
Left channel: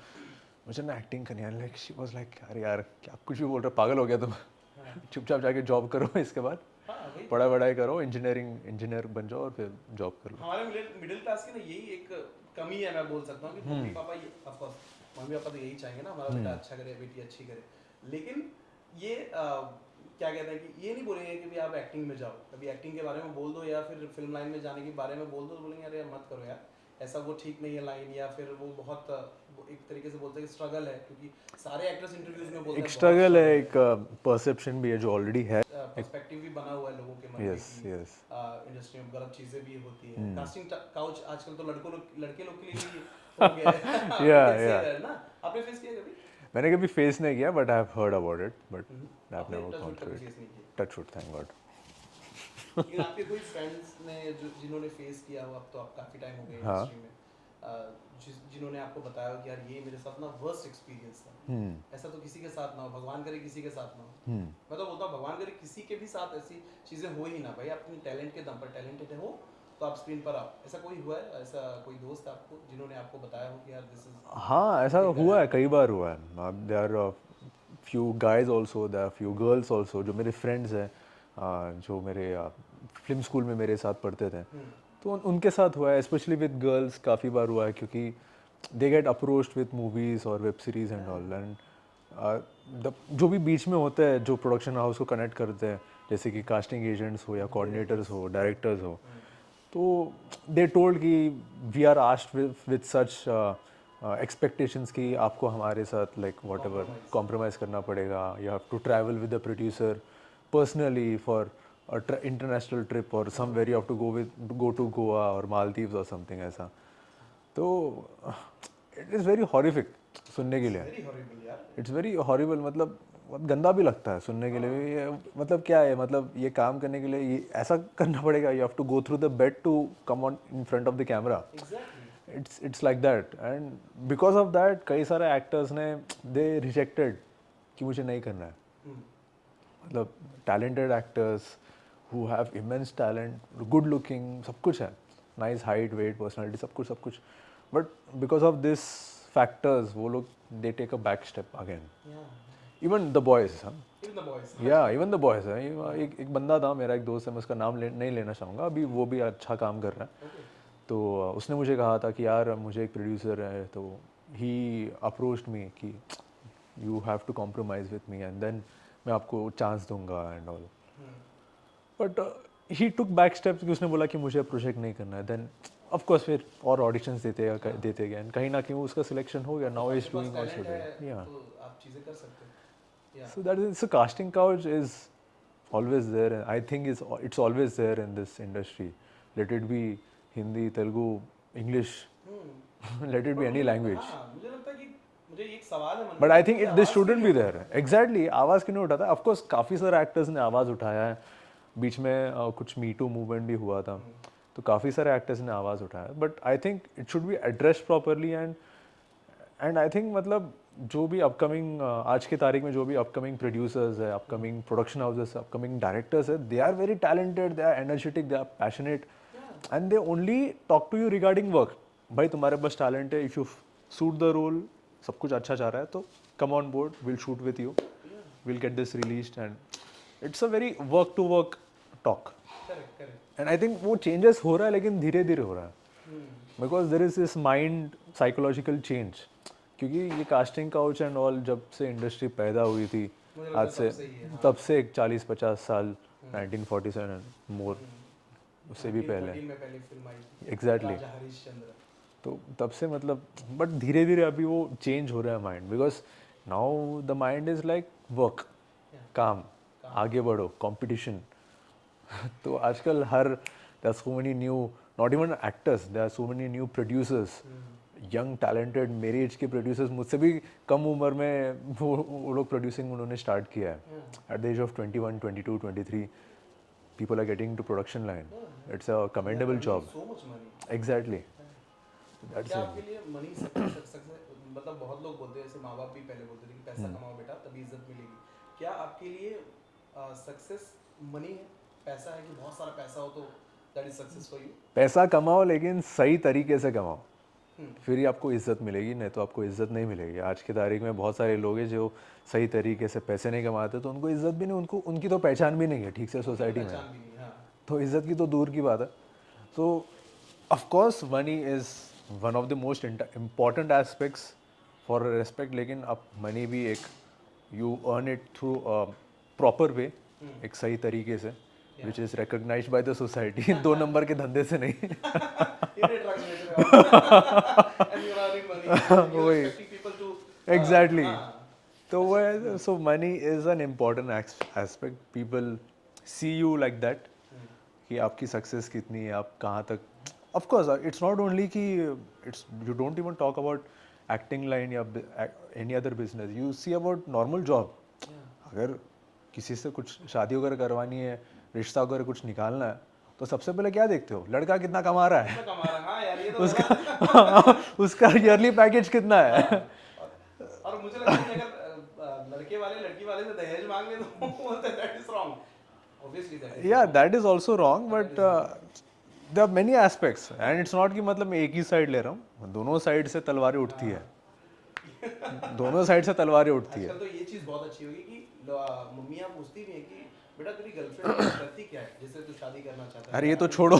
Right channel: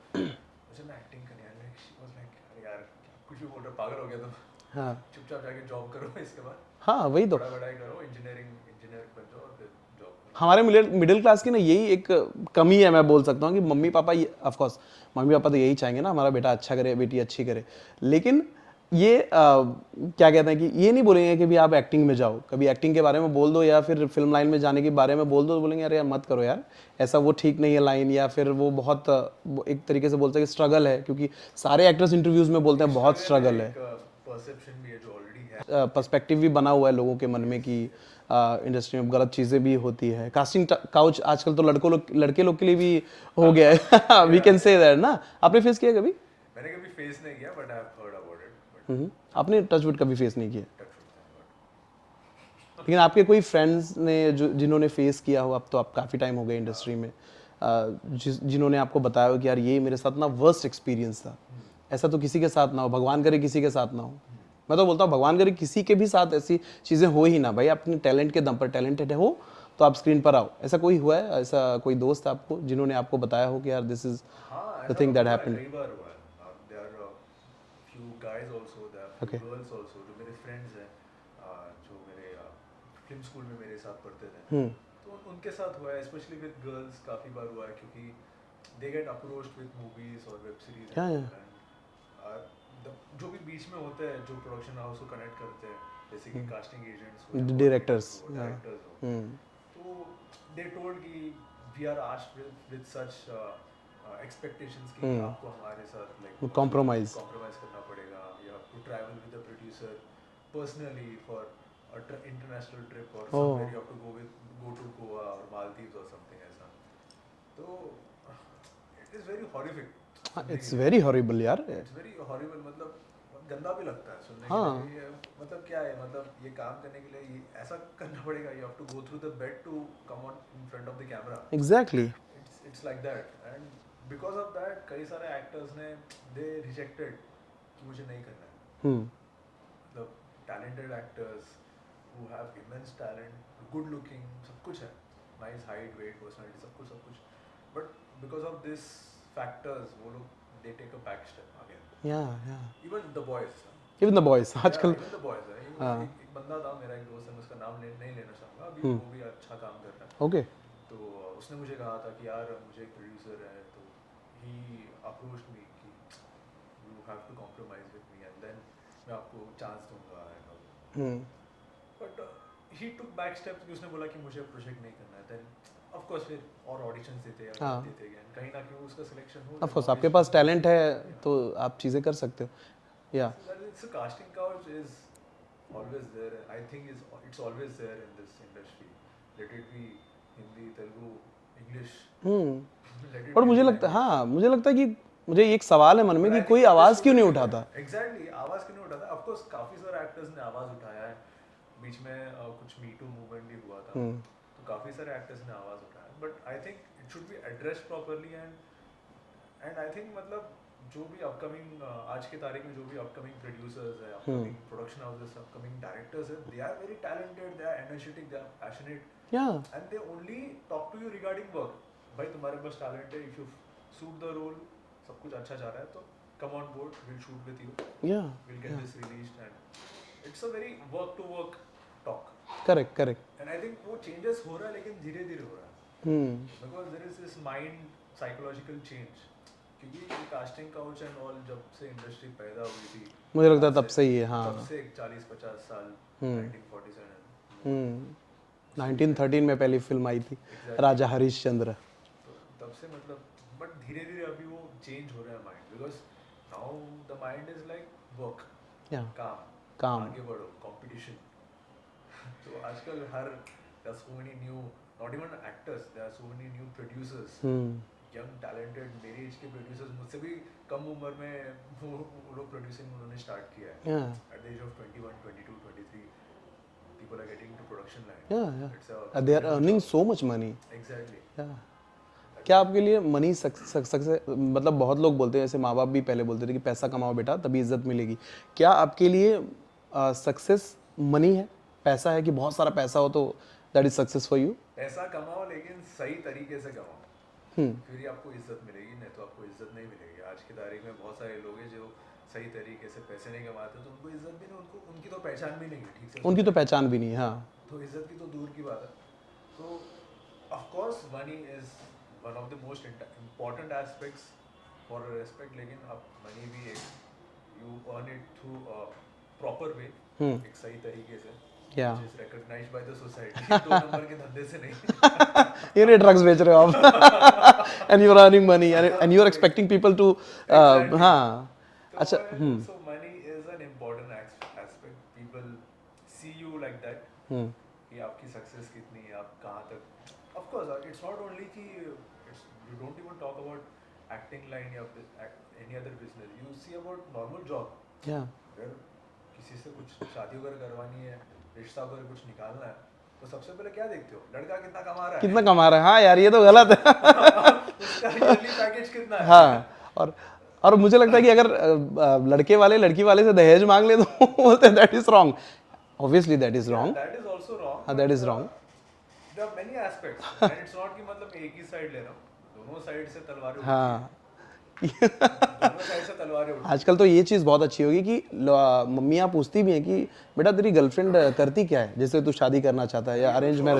मुझे ना एक्टिंग करनी है। लाइक शी वाज लाइक, अरे यार क्या कुछ भी बोल रहा, पागल हो गया तुम। हाँ, चुपचाप जाके जॉब करो, इसके बाद हाँ, वही तो। पढ़ाई करो, इंजीनियर बन जाओ, और फिर जॉब करो। हमारे मिडिल क्लास की ना यही एक कमी है, मैं बोल सकता हूँ कि mummy papa, of course mummy papa तो यही चाहेंगे ना हमारा बेटा अच्छा करे, बेटी अच्छी करे, लेकिन ये क्या कहते हैं कि ये नहीं बोलेंगे कि भी आप एक्टिंग में जाओ। कभी एक्टिंग के बारे में बोल दो या फिर फिल्म लाइन में जाने के बारे में बोल दो, तो बोलेंगे अरे यार मत करो यार, ऐसा वो ठीक नहीं है लाइन, या फिर वो बहुत वो एक तरीके से बोलते हैं कि स्ट्रगल है, क्योंकि सारे एक्टर्स इंटरव्यूज में बोलते हैं बहुत स्ट्रगल स्ट्रगल है, है। एक परसेप्शन भी है जो ऑलरेडी है। पर्सपेक्टिव भी बना हुआ है लोगों के मन में Yes, कि yes. इंडस्ट्री में गलत चीजें भी होती है। कास्टिंग काउच आजकल तो लड़के लोग के लिए भी हो गया है। वी कैन से दैट ना। आपने फेस किया कभी? मैंने कभी फेस नहीं किया, but I have heard about it, but आपने टचवुड कभी फेस नहीं किया? Touch wood, thank God. लेकिन आपके कोई फ्रेंड्स ने जो जिन्होंने फेस किया हो, अब तो आप काफी टाइम हो गए इंडस्ट्री में, जिन्होंने आपको बताया हो कि यार ये मेरे साथ ना वर्स्ट एक्सपीरियंस था, ऐसा तो किसी के साथ ना हो, भगवान करे किसी के साथ ना हो। मैं तो बोलता हूँ भगवान करे किसी के भी साथ ऐसी चीजें हो ही ना भाई, अपने टैलेंट के दम पर टैलेंटेड हो तो आप स्क्रीन पर आओ। ऐसा कोई हुआ है, ऐसा कोई दोस्त आपको जिन्होंने आपको बताया हो कि यार दिस इज? हाँ, ऐसा हुआ है, कई बार हुआ है। There are few guys also, there are few girls also, जो मेरे फ्रेंड्स हैं, जो मेरे फिल्म स्कूल में मेरे साथ पढ़ते थे, तो उनके साथ हुआ है। स्पेशली विद गर्ल्स काफ़ी बार हुआ है, क्योंकि they get approached with movies और web series and all, and जो भी बीच में होते हैं, जो प्रोडक्शन हाउस को कनेक्ट करते हैं, जैसे कि कास्टिंग एजेंट्स हो या कोऑर्डिनेटर्स हो, डायरेक्टर्स हो, तो दे टोल्ड कि we are asked with such expectations कि आपको हमारे साथ लाइक कॉम्प्रोमाइज करना पड़ेगा, you have to travel with the producer personally for international trip, और somewhere you have to go to Goa और मालदीव्स और समथिंग ऐसा। तो इट इज़ वेरी हॉरिफिक सुनने के लिए, वेरी हॉरिबल यार, इट्स वेरी हॉरिबल, मतलब गंदा भी लगता है सुनने के लिए। ये मतलब क्या है, मतलब ये काम करने के लिए ये ऐसा करना पड़ेगा, you have to go through the bed to come on in front of the camera. Exactly, it's like that, and because of that कई सारे एक्टर्स ने दे रिजेक्टेड कि मुझे नहीं करना है। मतलब talented actors who have immense talent, good looking, सब कुछ है, nice height, weight, personality, सब कुछ, but because of this factors, वो लोग they take a back step again. yeah, Even the boys, huh? even the boys, Yeah, even the boys, एक बंदा था मेरा, एक दोस्त है, मैं उसका नाम नहीं लेना चाहूँगा अभी, वो भी अच्छा काम कर रहा है। okay, तो उसने मुझे कहा था कि यार मुझे एक प्रोड्यूसर है, तो he approached me कि you have to compromise with me and then मैं आपको चांस दूंगा and all. But he took back steps कि उसने बोला कि मुझे प्रोजेक्ट नहीं करना है, देन ऑफ कोर्स फिर और ऑडिशंस देते गए, एंड कहीं ना कहीं वो उसका सिलेक्शन हो गया। ऑफ कोर्स आपके पास टैलेंट है तो आप चीजें कर सकते हो। Yeah so that is, so casting couch is always there, I think it's always there in this industry, let it be Hindi, Telugu, English, let it और बी। मुझे लगता है, हाँ मुझे लगता है कि मुझे एक सवाल है मन में कि कोई आवाज क्यों नहीं उठाता? एग्जैक्टली, आवाज क्यों नहीं उठाता? ऑफ कोर्स काफी सारे एक्टर्स ने आवाज उठाया है, बीच में कुछ मी टू मूवमेंट भी हुआ था, तो काफी सारे एक्टर्स ने आवाज उठाया, but I think it should be addressed properly and I think मतलब जो भी अपकमिंग आज की तारीख में जो भी अपकमिंग प्रोड्यूसर्स है, upcoming production houses, upcoming directors है, they are very talented, they are energetic, they are passionate and they only talk to you regarding work. भाई तुम्हारे पास टैलेंट है, if you suit the role, सब कुछ अच्छा जा रहा है तो come on board, will shoot with you, will get this released and it's a very work to work talk. Correct and I think वो चेंजेस हो रहा है, लेकिन धीरे धीरे हो रहा है, because there is this mind psychological change, क्योंकि ये कास्टिंग काउच एंड ऑल जब से इंडस्ट्री पैदा हुई थी, मुझे लगता है तब से ही है। हाँ, तब से 40-50 साल, 1947 मोर, 1913 में पहली फिल्म आई थी, Exactly. राजा हरिश्चंद्र। तो तब से मतलब, बट धीरे धीरे अभी वो चेंज हो रहा है mind, because now the mind is like work, काम, आगे बढ़ो, कंपटीशन। तो आजकल there are so many new, not even actors, there are so many new producers, young talented मेरी एज के प्रोड्यूसर्स, मुझसे भी कम उम्र में वो लोग प्रोड्यूसिंग उन्होंने स्टार्ट किया है। At the age of 21, 22, 23 people are getting into production line. It's a They are commendable earning job. so much money. Exactly. क्या आपके लिए मनी सक्सेस, मतलब बहुत लोग बोलते हैं, जैसे माँ बाप भी पहले बोलते थे कि पैसा कमाओ बेटा तभी इज्जत मिलेगी। क्या आपके लिए सक्सेस मनी है, पैसा है, कि बहुत सारा पैसा हो तो that is success for you? पैसा कमाओ, लेकिन सही तरीके से कमाओ, फिर ही आपको इज्जत मिलेगी, नहीं तो आपको इज्जत नहीं मिलेगी। आज की तारीख में बहुत सारे लोग हैं जो सही तरीके से पैसे नहीं कमाते, तो उनको इज्जत भी नहीं, उनको उनकी तो पहचान भी नहीं है ठीक से, उनकी तो पहचान भी नहीं है। हाँ, तो इज्जत की तो दूर की बात है। तो of course money is one of the most important aspects for respect, लेकिन अब मनी भी एक, you earn it through proper way, एक सही तरीके से, which is recognized by the society. 2 number के धंधे से नहीं। ये ड्रग्स बेच रहे हो आप and you are earning money and you are expecting people to Exactly. हाँ, तो वो है, so money is an important aspect. People see you like that, कि आपकी सक्सेस कितनी है, आप कहाँ तक। Of course, it's not only कि it's, you don't even talk about acting line या any other business. You see about normal job. अगर किसी से कुछ शादी वगैरह करवानी है, रिश्ता वगैरह कुछ निकालना है, तो सबसे पहले क्या देखते हो? लड़का कितना कमा रहा है, कितना कमा रहा है। हाँ यार, ये तो गलत है। उसका ईयरली पैकेज कितना है। हाँ, और मुझे लगता है कि अगर लड़के वाले लड़की वाले से दहेज मांग ले तो बोलते हैं that is wrong. Obviously that is wrong. That is also wrong, but there are many aspects and it's not कि मतलब मैं एक ही साइड ले रहा हूँ, दोनों साइड से तलवारें उठती हैं। दोनों साइड से तलवारें उठती हैं। आजकल तो ये चीज बहुत अच्छी होगी कि मम्मियाँ पूछती भी हैं कि बेटा तेरी गर्लफ्रेंड करती क्या है, जैसे तू शादी करना चाहता है। ये तो छोड़ो,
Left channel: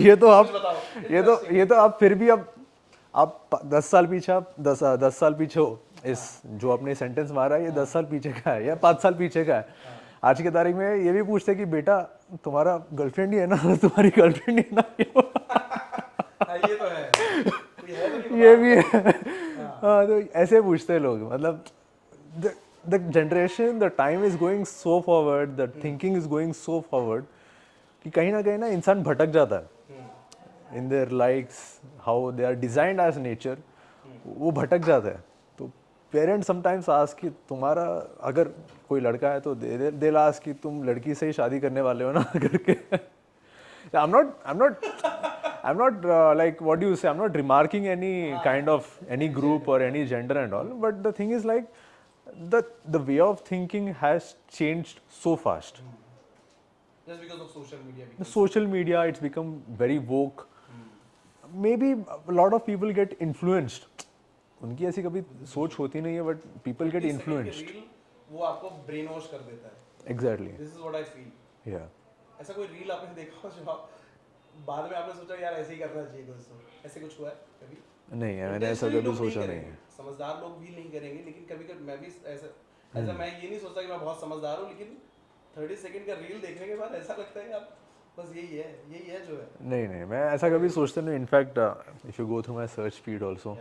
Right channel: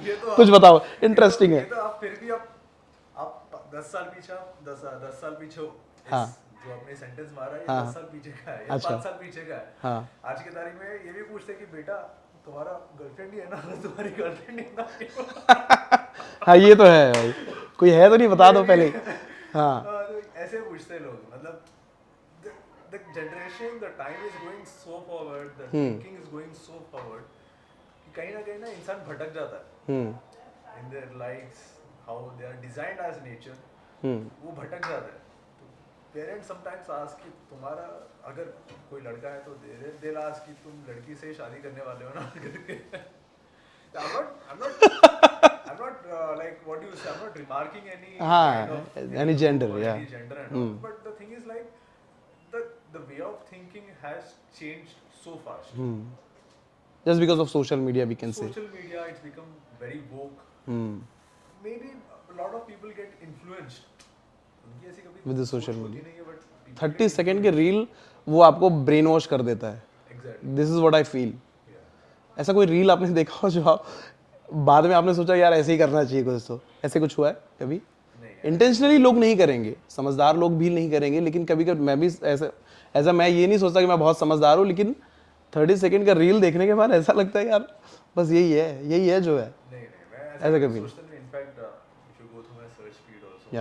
ये तो कुछ बताओ इंटरेस्टिंग है। ये तो आप फिर भी आप 10 साल पीछे, आप 10 साल पीछे हो, इस जो आपने सेंटेंस मारा है, ये 10 साल पीछे का है या 5 साल पीछे का है। आज की तारीख में ये भी पूछते कि बेटा तुम्हारा गर्लफ्रेंड ही है ना, तुम्हारी गर्लफ्रेंड ही है ना। हाँ, ये तो है भाई। कोई है तो नहीं, बता दो पहले। हाँ, तो ऐसे पूछते हैं लोग। मतलब the generation, the time is going so forward, the thinking is going so forward कि कहीं ना इंसान भटक जाता है in their likes, how they are designed as nature, वो भटक जाता है। तो पेरेंट्स समटाइम्स आस्क कि तुम्हारा अगर कोई लड़का है तो they'll ask कि तुम लड़की से ही शादी करने वाले हो ना करके। I'm not like, what do you say, I'm not remarking any kind of any group gender, or any gender and all, but the thing is like the way of thinking has changed so fast. Just because of social media, we can say. Social media, it's become very woke. Maybe a lot of people get influenced. उनकी ऐसी कभी सोच होती नहीं है, but people get 30 second के reel वो आपको ब्रेन वॉश कर देता है। Exactly. This is what I feel. ऐसा कोई रील आपने देखा हो जो आप बाद में आपने सोचा यार ऐसे ही करना चाहिए कुछ, तो ऐसे कुछ हुआ है कभी? नहीं, इंटेंशनली लोग नहीं करेंगे, समझदार लोग भी नहीं करेंगे, लेकिन कभी कभी मैं भी ऐसा मैं ये नहीं सोचता कि मैं बहुत समझदार हूँ, लेकिन 30 सेकंड का रील देखने के बाद ऐसा लगता है यार बस यही है जो है। नहीं, मैं ऐसा कभी सोचता नहीं। In fact if you go through my search feed also,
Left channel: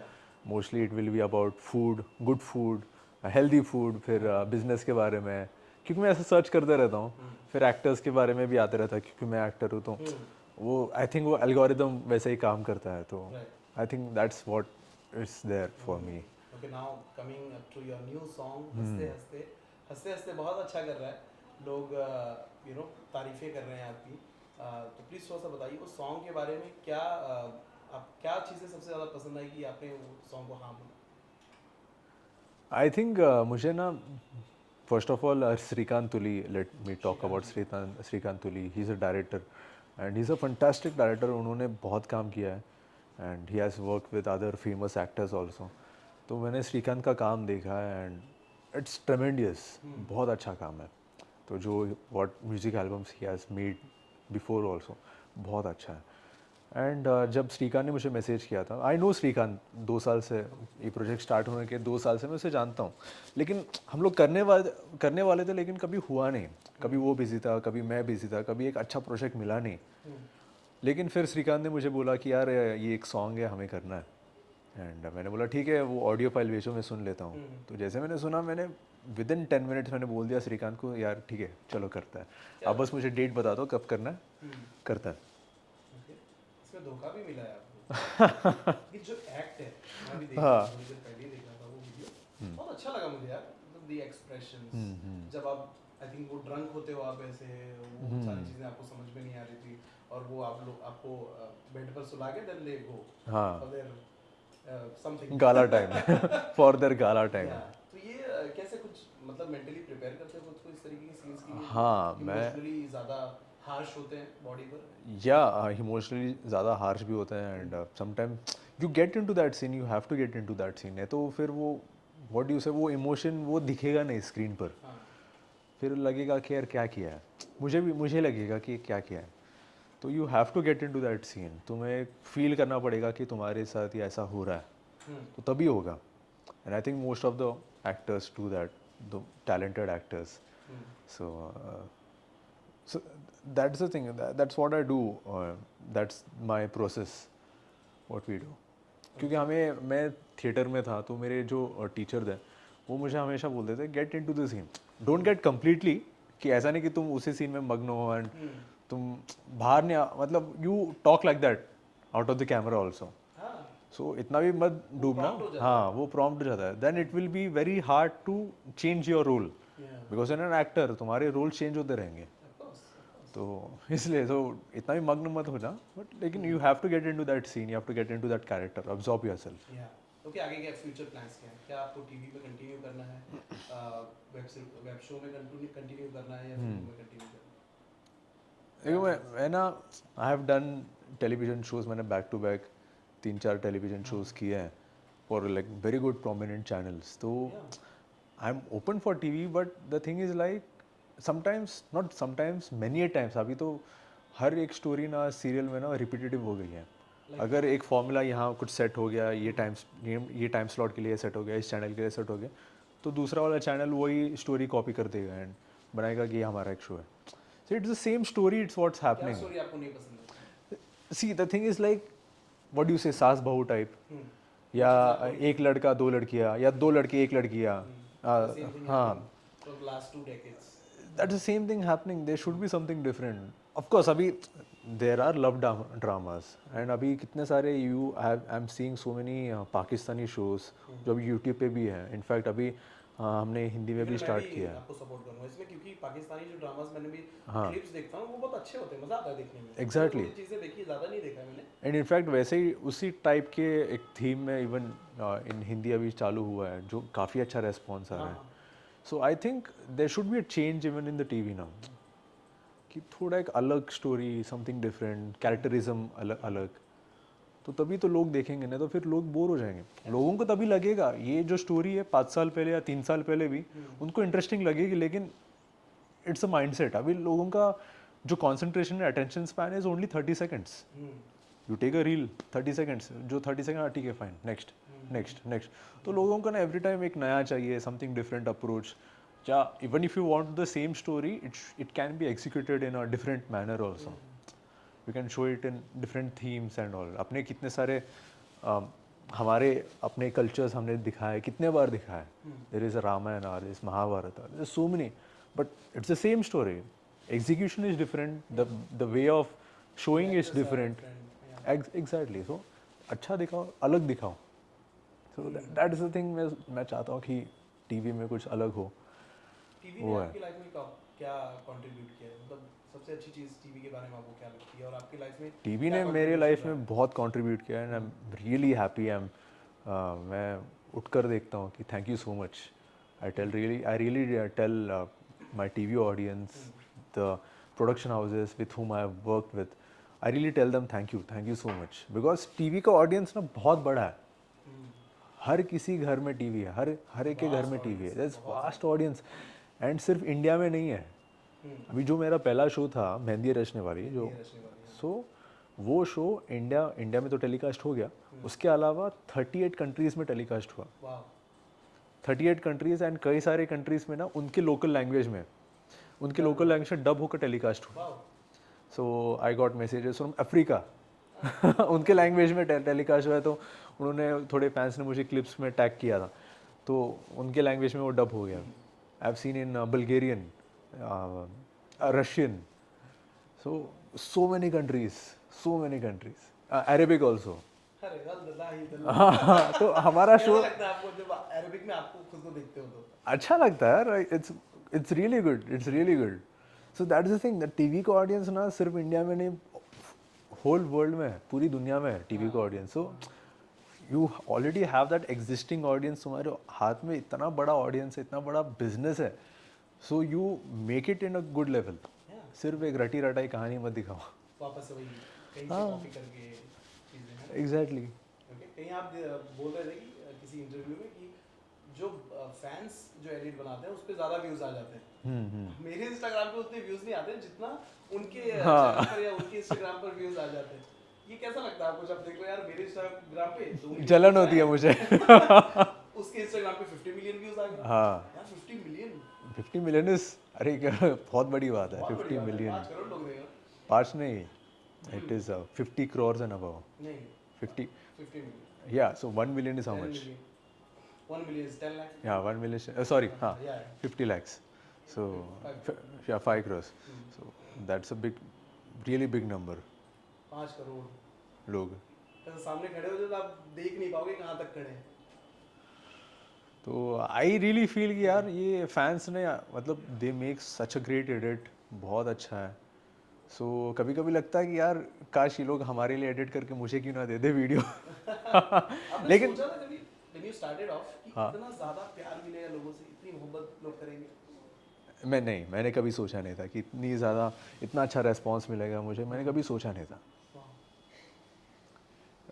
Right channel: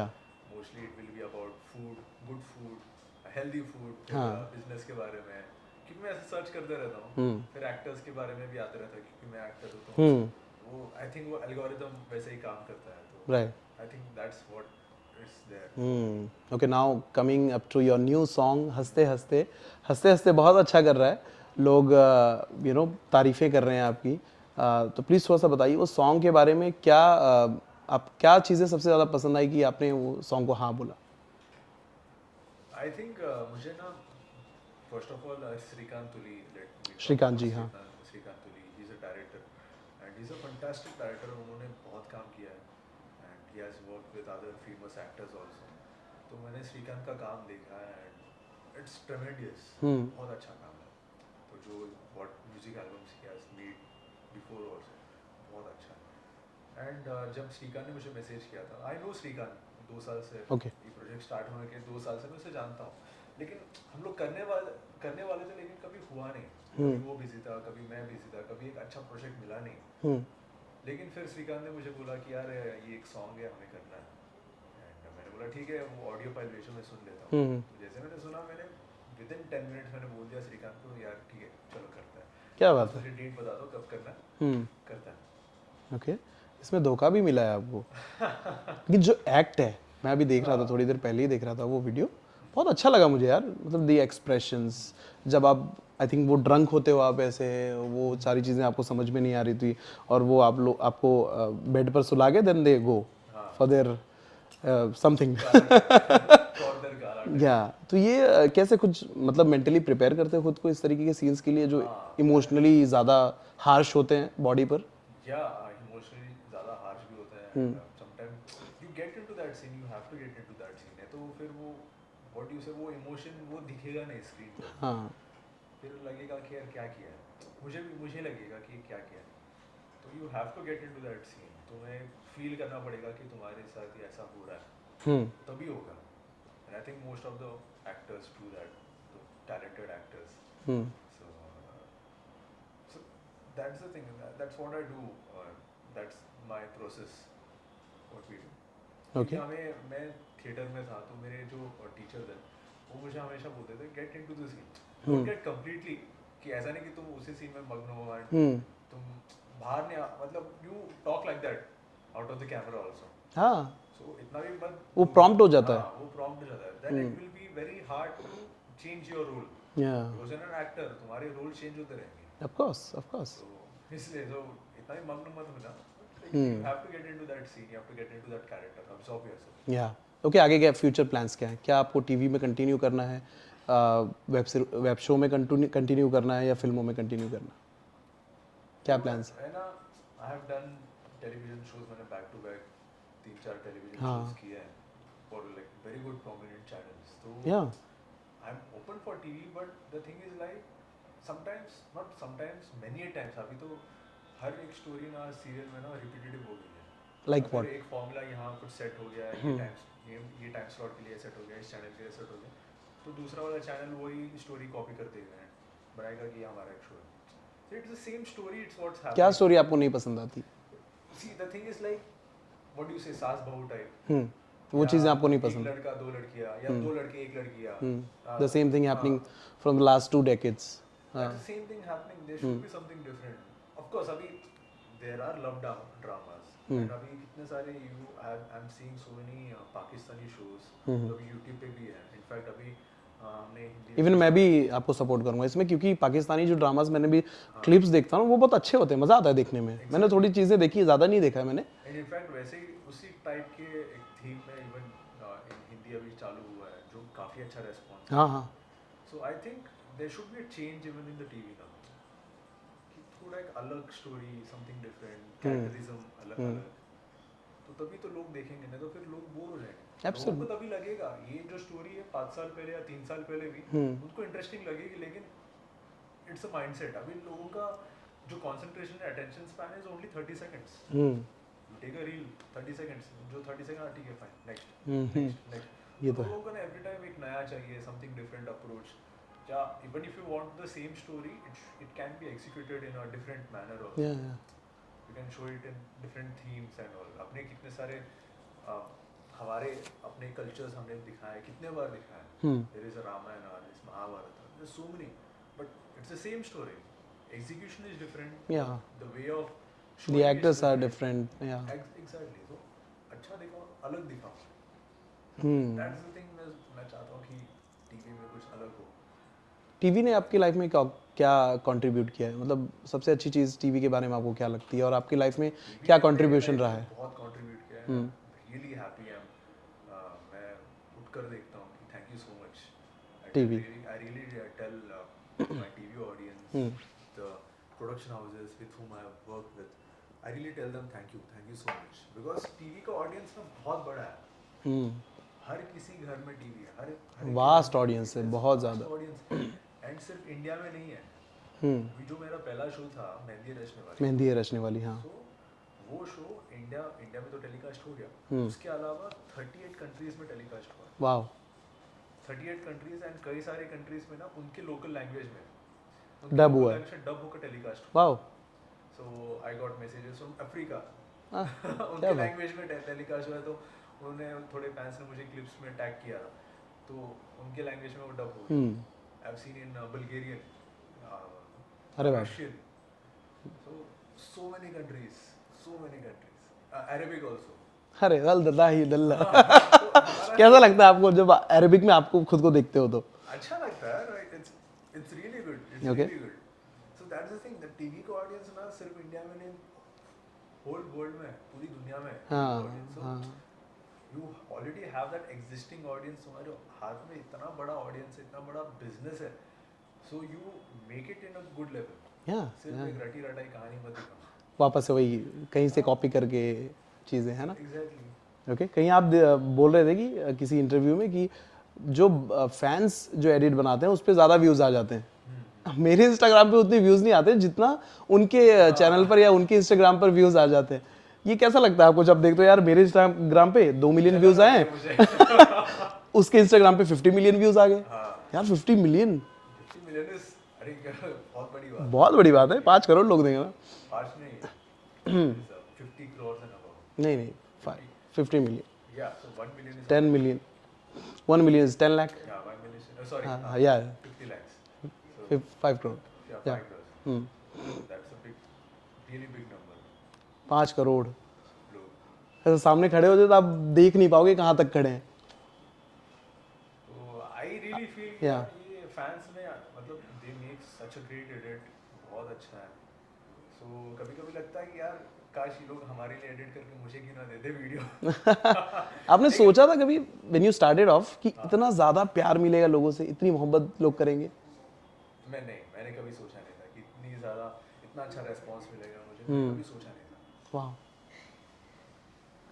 mostly it will be about food, good food, healthy food, फिर बिजनेस के बारे में, क्योंकि मैं ऐसे सर्च करते रहता हूँ। फिर एक्टर्स के बारे में भी आते रहता है, क्योंकि मैं एक्टर हूँ, तो वो आई थिंक वो एल्गोरिदम वैसे ही काम करता है। तो I think that's what it's there for me. Okay now coming up to your new song हंसते हंसते हंसते बहुत अच्छा कर रहा है लोग यू नो तारीफें कर रहे हैं आपकी तो प्लीज़ थोड़ा सा बताइए वो सॉन्ग के बारे में क्या आप क्या चीज़ें सबसे ज़्यादा पसंद आई कि आपने वो सॉन्ग को हाँ बोला I think मुझे ना first of all Srikanth Tuli, let me talk Shrikant about जी, हाँ। Srikanth Tuli. He's a director and he's a fantastic director. उन्होंने बहुत काम किया है and he has worked with other famous actors also. तो मैंने श्रीकांत का काम देखा है and it's tremendous. बहुत अच्छा काम है. तो जो what music albums he has made before also बहुत अच्छा है. एंड जब श्रीकांत ने मुझे मैसेज किया था आई नो श्रीकांत 2 साल से Okay. ये प्रोजेक्ट स्टार्ट होने के 2 साल से मैं उसे जानता हूँ लेकिन हम लोग करने वाले थे लेकिन कभी हुआ नहीं कभी वो बिजी था कभी मैं बिजी था कभी एक अच्छा प्रोजेक्ट मिला नहीं लेकिन फिर श्रीकांत ने मुझे बोला कि यार ये एक सॉन्ग है हमें करना है एंड मैंने बोला ठीक है वो ऑडियो फाइल भेजो मैं सुन लेता हूँ तो जैसे मैंने सुना मैंने विद इन 10 मिनट्स मैंने बोल दिया श्रीकांत को यार ठीक है चलो करता है क्या आप बात बस मुझे डेट बता दो कब करना है करता है ओके इसमें धोखा भी मिला है आपको लेकिन जो एक्ट है मैं अभी देख रहा था थोड़ी देर पहले ही देख रहा था वो वीडियो बहुत अच्छा लगा मुझे यार मतलब दी एक्सप्रेशंस जब आप आई थिंक वो ड्रंक होते हो आप ऐसे वो सारी चीज़ें आपको समझ में नहीं आ रही थी और वो आप लोग आपको बेड पर सुला के then they go for their something gala time for their gala time या तो ये कैसे कुछ मतलब मेंटली प्रिपेयर करते हो खुद को इस तरीके के सीन्स के लिए जो हाँ, इमोशनली ज़्यादा हार्श होते हैं बॉडी पर या इमोशनली ज़्यादा हार्श भी होते हैं and sometime you get into that scene you have to get into that scene है तो फिर वो व्हाट डू यू से वो इमोशन वो दिखेगा नहीं स्क्रीन पर हाँ फिर लगेगा कि यार क्या किया है मुझे लगेगा कि क्या किया है तो you have to get into that scene तुम्हें फील करना पड़ेगा कि तुम्हारे साथ ये ऐसा हो रहा है तो तभी होगा and I think most of the actors do that the talented actors so that's the thing that's what I do that's my process what we do क्योंकि हमें मैं थिएटर में था तो मेरे जो टीचर थे वो मुझे हमेशा बोलते थे get into the scene don't get completely कि ऐसा नहीं कि तुम उसी सीन में मग्न हो एंड तुम बाहर नहीं मतलब you talk like that out of the camera also हाँ सो इतना भी मत वो डूबना। prompt हो जाता है। हाँ वो प्रॉम्प्ट हो जाता है then it will be very hard to change your role या बिकॉज एन एन एक्टर तुम्हारे रोल चेंज होते रहेंगे ऑफ कोर्स तो इसलिए तो इतना भी मग्न मत हो जा बट लेकिन you have to get into that scene you have to get into that character absorb yourself या ओके आगे क्या फ्यूचर प्लान्स क्या है क्या आपको टीवी में कंटिन्यू करना है वेब शो में कंटिन्यू करना है या फिल्मों में कंटिन्यू करना है क्या प्लान्स मैं ना I have done television shows मैंने back to back 3-4 television shows किए हैं for like very good prominent channels तो yeah I am open for TV but the thing is like sometimes not sometimes many a times अभी तो हर एक story ना serial में ना रिपीटेटिव हो गई है Like अगर एक फॉर्मूला यहाँ कुछ सेट हो गया ये टाइम स्लॉट के लिए सेट हो गया इस चैनल के लिए सेट हो गया तो दूसरा वाला चैनल वही स्टोरी कॉपी कर देगा एंड बनाएगा कि ये हमारा एक शो है so it's the same story it's what's क्या हैपनिंग स्टोरी आपको नहीं पसंद आती सी the thing is like what do you से सास बहू टाइप वो चीज़ें आपको नहीं एक लड़का 2 लड़कियां या 2 लड़के 1 लड़कियां the same thing happening from the last 2 decades that's the same thing happening there should be something different of course abhi there are love dramas and abhi kitne sare I'm seeing so many Pakistani shows जो अभी YouTube पे भी है in fact अभी हमने हिंदी में even मैं भी आपको सपोर्ट करूंगा इसमें क्योंकि पाकिस्तानी जो ड्रामास मैंने भी क्लिप्स देखता हूँ वो बहुत अच्छे होते हैं मजा आता है देखने में मैंने थोड़ी चीजें देखी ज्यादा नहीं देखा है मैंने एंड इनफैक्ट वैसे ही उसी टाइप के एक थीम में इवन इन हिंदी अभी चालू हुआ है जो काफ़ी अच्छा रेस्पॉन्स है हाँ so I think there should be a change even in the TV ना कि थोड़ा एक अलग स्टोरी समथिंग डिफरेंट कैरेक्टरिज्म अलग अलग तो तभी तो लोग देखेंगे नहीं तो फिर लोग बोर हो जाएंगे लोगों को तभी लगेगा ये जो स्टोरी है 5 साल पहले या 3 साल पहले भी उनको इंटरेस्टिंग लगेगी लेकिन इट्स अ माइंडसेट अभी लोगों का जो कंसंट्रेशन है attention span is only 30 seconds you take a reel 30 seconds जो 30 सेकंड ठीक है फाइन नेक्स्ट नेक्स्ट नेक्स्ट तो लोगों को ना एवरी टाइम एक नया चाहिए समथिंग डिफरेंट अप्रोच या even if you want the same story it can be executed in a different manner also you can show it in different themes and all अपने कितने सारे हमारे अपने कल्चर्स हमने दिखाए कितने बार दिखाए देयर इज अ रामायण और is Mahabharat there is so many but it's the same story execution is different the way of showing is different yeah exactly so अच्छा दिखाओ अलग दिखाओ दैट इज द थिंग मैं चाहता हूँ कि टीवी में कुछ अलग हो. टीवी ने आपकी लाइफ में क्या कंट्रीब्यूट किया है, मतलब सबसे अच्छी चीज टीवी के बारे में आपको क्या लगती है और आपकी लाइफ में टीवी क्या ने मेरे कंट्रीब्यूशन लाइफ रहा में है? बहुत कंट्रीब्यूट किया है. I am really happy. मैं उठकर देखता हूँ कि thank you so much. I really tell my TV audience, the production houses with whom I have worked with, I really tell them thank you so much, because TV का audience ना बहुत बड़ा है. हर किसी घर में टीवी है. हर एक के घर Vast में audience टीवी है, है. बहुत वास्ट ऑडियंस. एंड सिर्फ इंडिया में नहीं है. अभी जो मेरा पहला शो था मेहंदी रचने वाली, मेहंदी है रचने वाली, हाँ. सो वो शो इंडिया में तो टेलीकास्ट हो गया. उसके अलावा 38 कंट्रीज में टेलीकास्ट हुआ. वाह. 38 कंट्रीज एंड कई सारे कंट्रीज में ना उनके लोकल लैंग्वेज में, उनके Dub लोकल हुआ. लैंग्वेज में डब होकर टेलीकास्ट हुआ. वाह. So I got messages from Africa. उनके लैंग्वेज में टेलीकास्ट हुआ है, तो उन्होंने थोड़े फैंस ने मुझे क्लिप्स में टैग किया था, तो उनके लैंग्वेज में वो डब हो गया. आई have seen in Bulgarian, Russian, so many countries, Arabic also. अरे दल्ला ही दल्ला. तो हमारा कैसा लगता है आपको जब अरेबिक में आपको खुद को देखते हो तो? अच्छा लगता है. It's really good. So that's the thing, that TV का ऑडियंस ना सिर्फ इंडिया में नहीं, होल वर्ल्ड में है, पूरी दुनिया में है टीवी का audience. So you already have that existing audience. तुम्हारे हाथ में इतना बड़ा ऑडियंस है, इतना बड़ा बिजनेस है. So you make it in a good level. सिर्फ एक रटी रटाई कहानी मत दिखाओ. वापस से वही कहीं से कॉपी करके चीजें, है ना? एग्जैक्टली. ओके. कहीं आप बोल रहे थे कि किसी इंटरव्यू में कि जो फैंस जो एडिट बनाते हैं उस पर ज्यादा व्यूज आ जाते हैं. मेरे इंस्टाग्राम पे उतने व्यूज नहीं आते जितना उनके चैनल पर या उनके इंस्टाग्राम पर व्यूज आ जाते हैं. ये कैसा लगता है आपको जब देखते हो यार मेरे इंस्टाग्राम पे 2 मिलियन व्यूज आए हैं, मुझे उसके इंस्टाग्राम पे 50 मिलियन व्यूज आ गए? हाँ. यार 50 मिलियन, 50 मिलियन इज, अरे बहुत बड़ी बात है. बहुत बड़ी बात है. 5 करोड़ लोग देंगे ना? 5 नहीं, it is 50 crores and above. नहीं 50 million. Yeah, so 1 million is 10 million. 1 million is 10 lakh. Yeah, 1 million. Sorry, yeah. 50 lakhs. So 5 crore. Yeah, 5 crores. So that's a really big number. 5 crore लोग. ऐसे सामने खड़े हो जाए तो आप देख नहीं पाओगे कहाँ तक खड़े हैं. तो आई रियली फील कि यार ये फैंस ने, मतलब they make such a great edit, बहुत अच्छा है. सो कभी कभी लगता है कि यार काश ये लोग हमारे लिए एडिट करके मुझे क्यों ना दे दे वीडियो. आपने सोचा था कभी व्हेन यू स्टार्टेड ऑफ कि इतना ज्यादा प्यार मिलेगा लोगों से, इतनी मोहब्बत लोग करेंगे? मैंने कभी सोचा नहीं था कि इतना अच्छा रेस्पॉन्स मिलेगा मुझे. मैंने कभी सोचा नहीं था. वाह.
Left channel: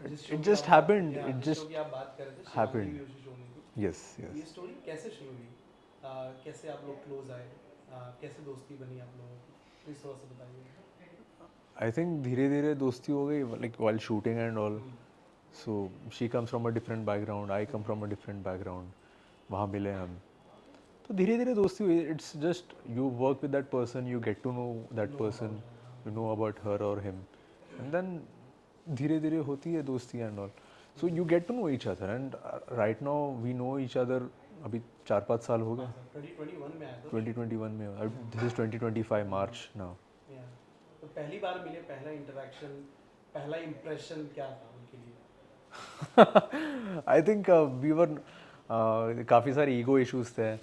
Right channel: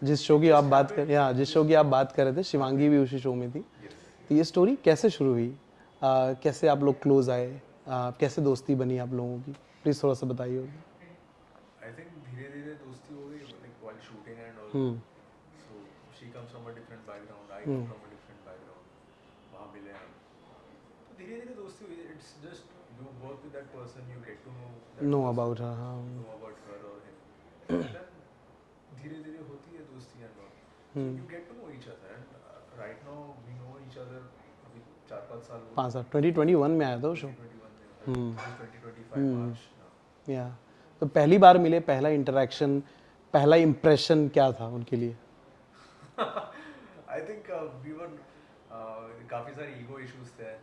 जिस शो की आप बात कर, जिस शो की आप बात कर रहे थे, शिवांगी भी उसी शो में थी. यस. ये स्टोरी कैसे शुरू हुई? कैसे आप लोग क्लोज आए? कैसे दोस्ती बनी आप लोगों की? प्लीज थोड़ा सा बताइए. आई थिंक धीरे धीरे दोस्ती हो गई, like while shooting and all. So she comes from a different background, I come from a different background. वहाँ मिले हम, तो धीरे धीरे दोस्ती हुई. It's just you work with that person, you get to know that person, you know about her और him, then धीरे धीरे होती है दोस्ती and all. So you get to know each other, and right now we know each other. अभी 4-5 साल हो गए. 2021 में आया था 2021 में. This 2025 March now. या तो पहली बार मिले, पहला इंटरेक्शन, पहला इंप्रेशन क्या था उनके लिए? आई थिंक वी वर, काफ़ी सारे ईगो इश्यूज थे.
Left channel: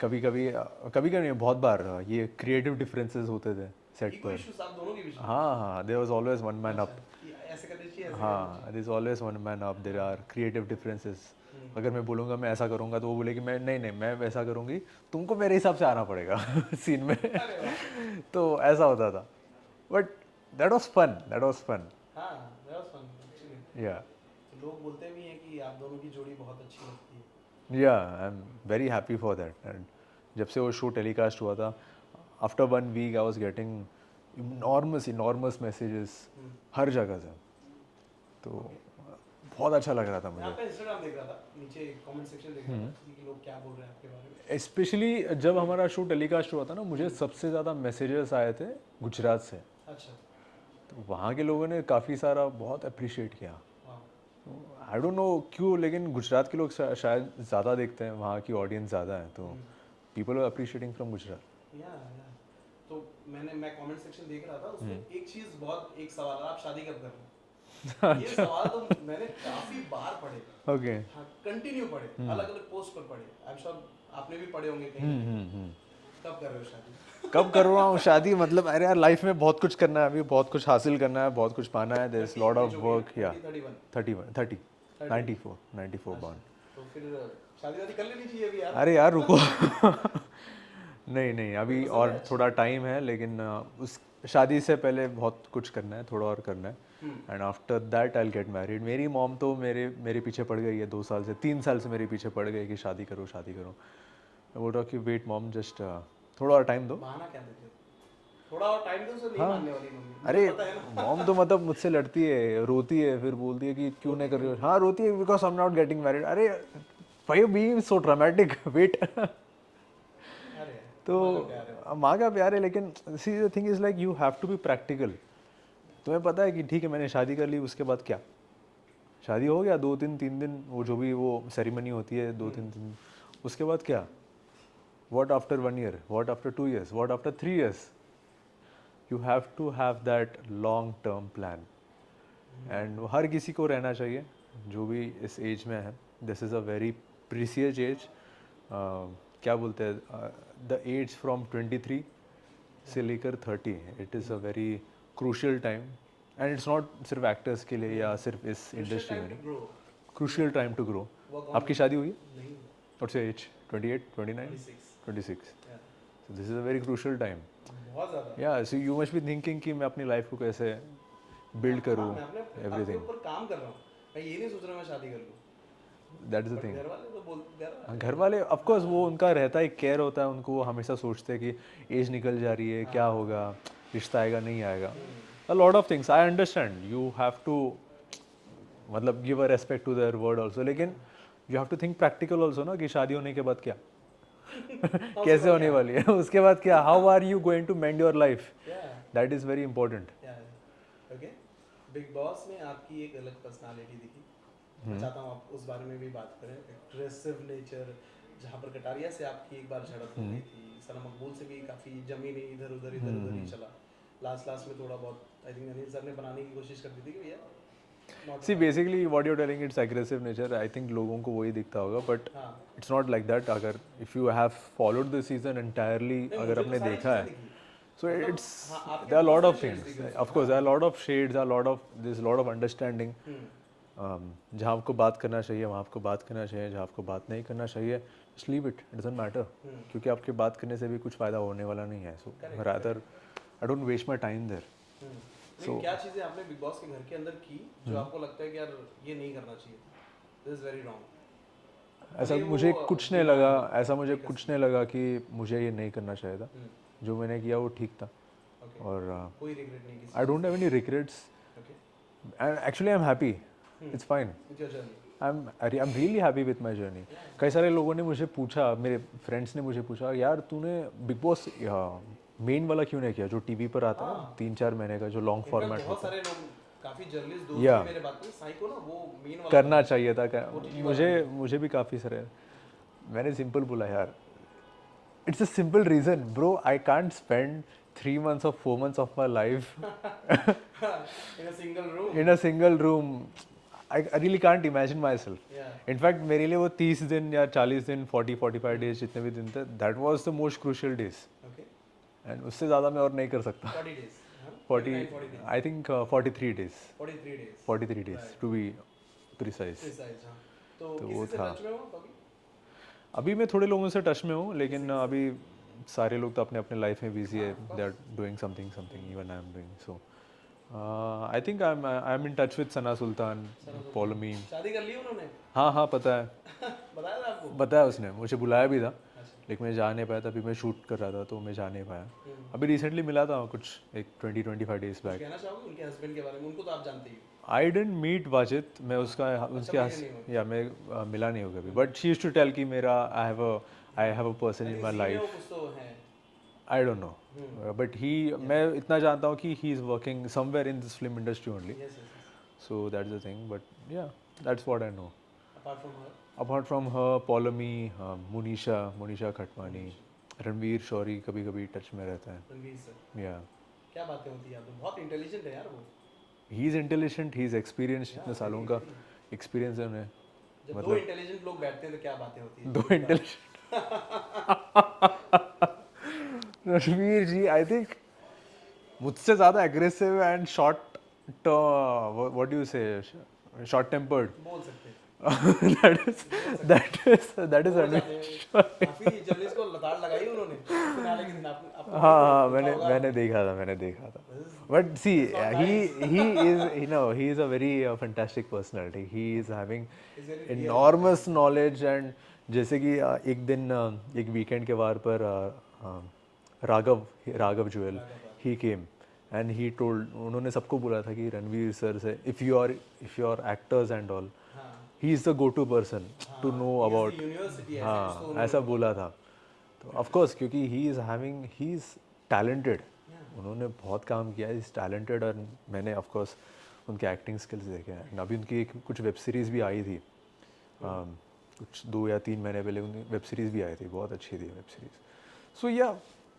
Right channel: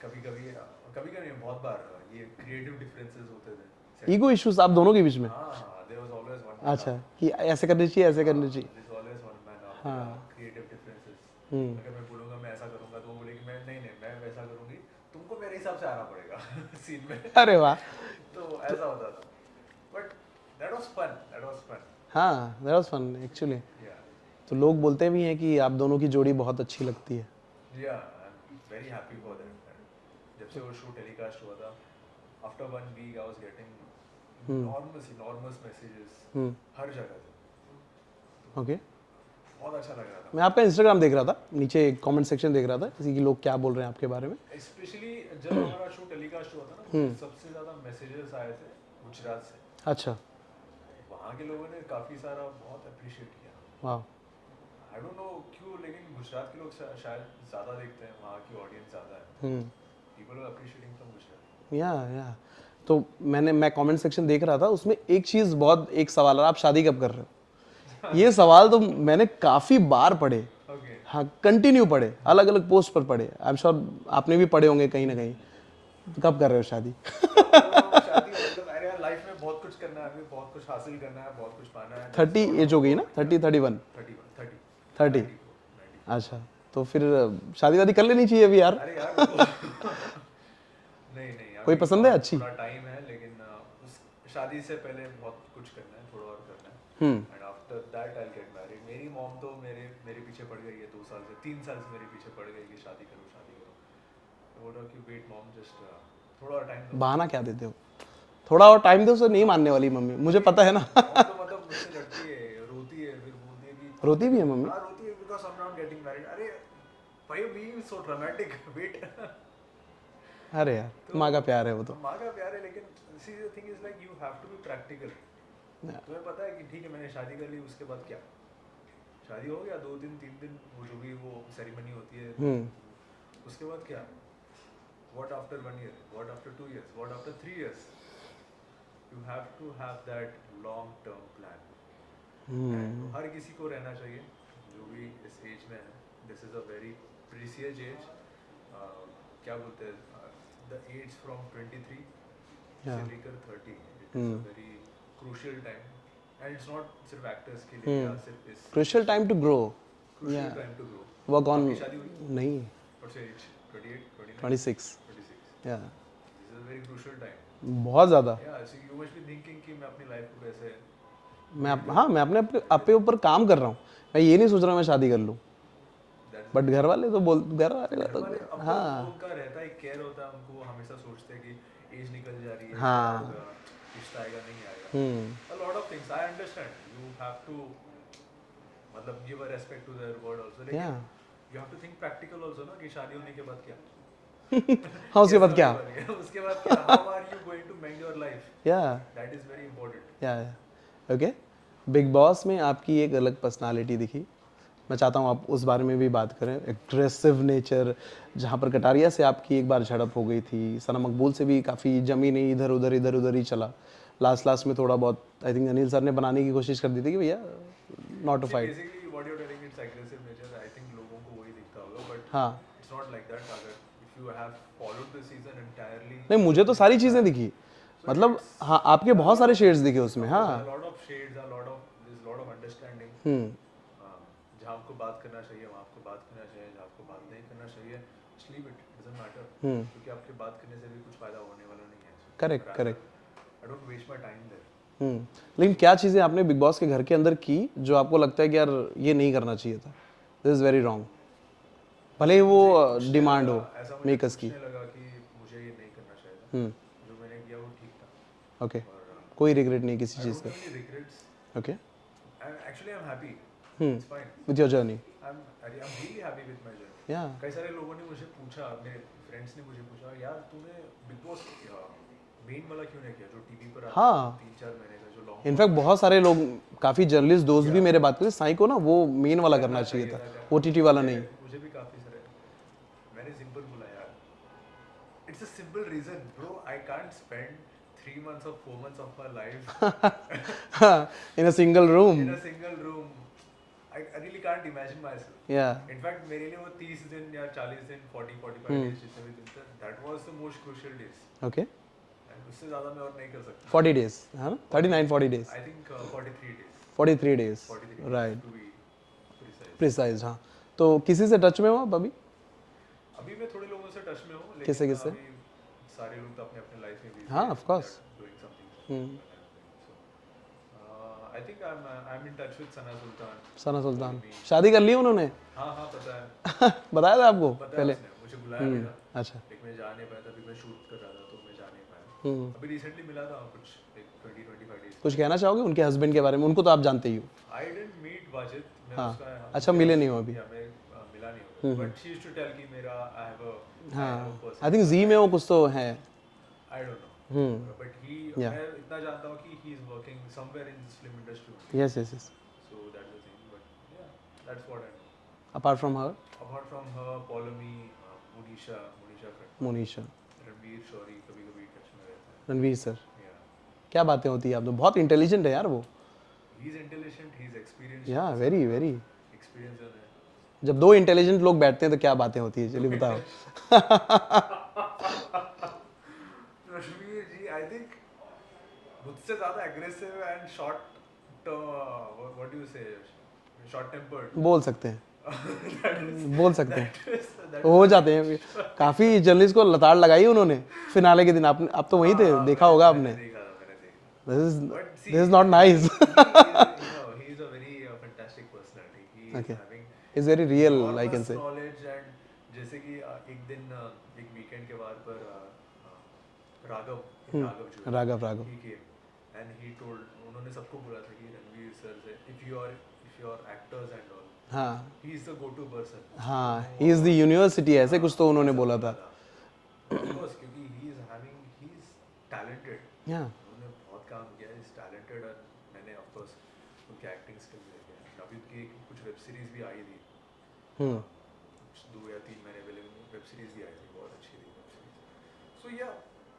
कभी कभी नहीं, बहुत बार ये क्रिएटिव डिफरेंसेस होते थे. ईगो इश्यूज आप दोनों के बीच में? हाँ, there was always one man up. अच्छा, कि ऐसे करनी चाहिए, ऐसे करनी चाहिए. There is always one man up. There are creative differences. अगर मैं बोलूँगा मैं ऐसा करूँगा तो वो बोलेगी मैं नहीं मैं वैसा करूँगी, तुमको मेरे हिसाब से आना पड़ेगा सीन में. अरे वाह. तो ऐसा होता था, बट दैट वाज फन. हाँ, दैट वाज फन एक्चुअली. या तो लोग बोलते भी हैं कि आप दोनों की जोड़ी बहुत अच्छी लगती है. Yeah I am very happy for that. And जब से वो शो टेलीकास्ट हुआ था, after 1 week I was getting enormous messages हर जगह से. तो ओके. बहुत अच्छा लग रहा था. मैं आपका इंस्टाग्राम देख रहा था, नीचे कमेंट सेक्शन देख रहा था, किसी की लोग क्या बोल रहे हैं आपके बारे में. स्पेशली जब हमारा शो टेलीकास्ट हुआ था ना, मुझे सबसे ज़्यादा मैसेजेस आए थे गुजरात से. अच्छा. तो वहाँ के लोगों ने काफ़ी सारा बहुत अप्रिशिएट किया. वाह. आई डोंट नो क्यों, लेकिन गुजरात के लोग शायद ज़्यादा देखते हैं, वहाँ की ऑडियंस ज़्यादा है, तो people are appreciating from Gujarat. या तो मैं कमेंट सेक्शन देख रहा था, उसमें एक चीज़ बहुत, एक सवाल है, आप शादी कब कर रहे हो? ये सवाल तो मैंने काफी बार पढ़े, ओके। हाँ कंटिन्यू पढ़े, अलग अलग पोस्ट पर पढ़े। आई एम श्योर आपने भी पढ़े होंगे कहीं ना कहीं। तो कब कर रहे हो शादी? कब कर रहा हूँ शादी? मतलब अरे यार लाइफ में बहुत कुछ करना है, अभी बहुत कुछ हासिल करना है, बहुत कुछ पाना है। 30 एज हो गई ना? 30 31 30 30 94 94। अच्छा, तो फिर शादी वादी कर लेनी चाहिए अभी यार। अरे यार रुको। नहीं नहीं, कोई अभी पसंद है और अच्छी? थोड़ा टाइम है, लेकिन उस शादी से पहले बहुत कुछ करना है, थोड़ा और करना है। And after that I will get married. मेरी मॉम तो मेरे पीछे पड़ गई है 2 साल से, 3 साल से मेरे पीछे पड़ गई कि शादी करो शादी करो। मैं बोल रहा हूँ कि वेट मॉम, जस्ट थोड़ा और टाइम दो। बहाना क्या देते हो? थोड़ा और टाइम दो, उसे नहीं मानने वाली मम्मी, मुझे पता है ना। मॉम तो मतलब मुझसे लड़ती है, रोती है, फिर बोलती है कि क्यों रोती नहीं भी है कर रहे हो? मम्मी? हाँ रोती है, because I am not getting married. अरे why you being so dramatic? Wait. अरे यार, तो माँ का प्यार है वो तो। माँ का प्यार है, लेकिन see the thing is like you have to be practical. तुम्हें पता है कि ठीक है मैंने शादी कर ली, उसके बाद क्या? शादी हो गया 2 3 3 दिन, वो जो भी वो सेरेमनी होती है 2 3 दिन, उसके बाद क्या? What after 1 year? What after 2 years? What after 3 years? You have to have that long term plan. And हर किसी को रहना चाहिए जो भी इस एज में है। This is a very precious age. क्या बोलते हैं, द एज फ्रॉम 23 से लेकर 30, it is a very crucial time. And it's not सिर्फ एक्टर्स के लिए या सिर्फ इस crucial time to grow, crucial time to grow. Work on. आपकी शादी हुई है? नहीं, व्हाट्स योर एज? 28 29 26। 26। या this is a very crucial time. बहुत ज्यादा। या so you must be thinking कि मैं अपनी लाइफ को कैसे मैं बिल्ड हाँ, करूँ। मैं अपने ऊपर काम कर रहा हूँ। मैं ये नहीं सोच रहा मैं शादी कर लूँ। दैट इज बट घर वाले तो बोल, घर वाले ऑफ कोर्स वो उनका रहता है, केयर होता है उनको, वो हमेशा सोचते हैं कि एज निकल जा रही है, क्या होगा, रिश्ता आएगा नहीं आएगा, a lot of things. I understand you have to मतलब give a respect to their word also, लेकिन you have to think practical also ना, कि शादी होने के बाद क्या? हाँ, उसके कैसे बाद होने क्या? वाली है? उसके बाद क्या? How are you going to mend your life? Yeah that is very important. Yeah okay. Bigg Boss में आपकी एक अलग पर्सनालिटी दिखी। मैं चाहता हूँ आप उस बारे में भी बात करें। एग्रेसिव नेचर, जहाँ पर कटारिया से आपकी एक बार झड़प हो गई थी, सना मकबूल से भी काफ़ी जमी नहीं, इधर उधर ही चला। लास्ट में थोड़ा बहुत आई थिंक अनिल सर ने बनाने की कोशिश कर दी थी कि भैया not to see fight. Basically what you are telling, it's aggressive nature. I think लोगों को वही दिखता होगा, बट हाँ, इट्स नॉट लाइक दैट। अगर if you have followed the season entirely, नहीं मुझे तो सारी चीज़ें दिखी। मतलब हाँ, आपके बहुत सारे शेड्स दिखे उसमें। Of course, there are a lot of shades, there's a lot of understanding. जहाँ आपको बात करना चाहिए वहाँ आपको बात करना चाहिए, जहाँ आपको बात नहीं करना चाहिए just leave it, it doesn't matter. क्योंकि आपके बात करने से भी कुछ फायदा होने वाला नहीं है। So rather, I don't waste my time there. लेकिन क्या चीज़ें आपने बिग बॉस के घर के अंदर की जो आपको लगता है कि यार ये नहीं करना चाहिए था, दिस इज वेरी रॉन्ग? भले ही वो डिमांड हो, ऐसा मुझे कुछ नहीं लगा कि मुझे ये नहीं करना चाहिए था। जो मैंने किया वो ठीक था। ओके, और कोई रिग्रेट नहीं किसी आई चीज़ don't have any regrets. Okay actually I am happy, it's fine. With your journey? I am really happy with my journey. Yeah. कई सारे लोगों ने मुझे पूछा, मेरे फ्रेंड्स ने मुझे पूछा, यार तूने बिग बॉस मेन वाला क्यों नहीं किया जो टीवी पर आता है 3-4 महीने का, जो लॉन्ग इनफैक्ट बहुत सारे लोग, काफी जर्नलिस्ट दोस्त भी मेरे बात करते साई को ना वो मेन वाला करना चाहिए था, ओटीटी वाला नहीं। मुझे भी काफ़ी सारे। मैंने सिंपल बोला यार, it's a simple reason bro, I can't spend 3 months or 4 months of my life in a single room. in a single room. I really can't imagine myself. या इनफैक्ट मेरे लिए वो 30 दिन या 40 दिन 40-45 डेज जितने भी दिन थे, that was the most crucial days. Okay, and उससे ज़्यादा मैं और नहीं कर सकता। 40 डेज, हाँ 39 40 days, I think 43 days 43 days 43 days to be precise. Precise. हाँ, तो किसी से टच में हो आप अभी? अभी मैं थोड़े लोगों से टच में हूँ, लेकिन अभी सारे लोग तो अपने अपने लाइफ में बिजी हैं, they are doing something even I am doing. So I think I am in touch with Sana Sultan. Follow me. शादी कर ली उन्होंने? हाँ पता है। बताया था आपको? बताया उसने, मुझे बुलाया भी था। अच्छा, लेकिन मैं जा नहीं पाया था, अभी मैं शूट कर रहा था तो मैं जा नहीं पाया। अभी रिसेंटली मिला था कुछ एक 20-25 डेज। कुछ कहना चाहोगे उनके हस्बैंड के बारे में? उनको तो आप जानते ही हो। आई डिडंट मीट वाजिद, मैं उसका अच्छा, मिले नहीं हो अभी? या मैं मिला नहीं होगा, but she used to tell कि मेरा I have a person. I think जी में वो कुछ तो है। I don't know, but मैं इतना जानता हूँ कि he is working somewhere in this film industry only. Yes. So that's the thing, but yeah, that's what I know. Apart from her, Paulomi, Monisha Khatwani, Monisha, Ranveer Shauri कभी कभी टच में रहता है। Ranveer sir, Yeah. क्या बातें होती है आप तो? बहुत इंटेलिजेंट है यार वो। He is intelligent, he is experienced. Yeah, very, very. Experience है उन्हें. जब दो इंटेलिजेंट लोग बैठते हैं तो क्या बातें होती है, चलिए बताओ. रणवीर जी आई थिंक मुझसे ज़्यादा aggressive and short, what do you से, शॉर्ट टेम्पर्ड. बोल सकते हैं, बोल सकते हैं, दैट हो जाते हैं. काफी जर्नलिस्ट को लताड़ लगाई उन्होंने फिनाले के दिन. आप तो वहीं थे, देखा होगा आपने. मैंने देखा था. This is But see, this is not nice. he is a very fantastic personality. He is having It's very real, I can enormous say. knowledge. And जैसे कि एक दिन एक वीकेंड के वार पर राघव जो है, Raghav. he came and he told, उन्होंने सबको बोला था कि रणवीर सर से if you are actors and all, हाँ he is the go-to person to हाँ, know he is about. the university, ऐसे कुछ तो उन्होंने ऐसा बोला था. तो of course क्योंकि he is talented. Yeah. उन्होंने बहुत काम किया, इज टैलेंटेड. और मैंने ऑफ कोर्स उनके एक्टिंग स्किल्स देखे हैं. अभी उनकी कुछ वेब सीरीज़ भी आई थी, कुछ 2 या 3 महीने पहले उनकी वेब सीरीज़ भी आई थी, बहुत अच्छी थी web series. So yeah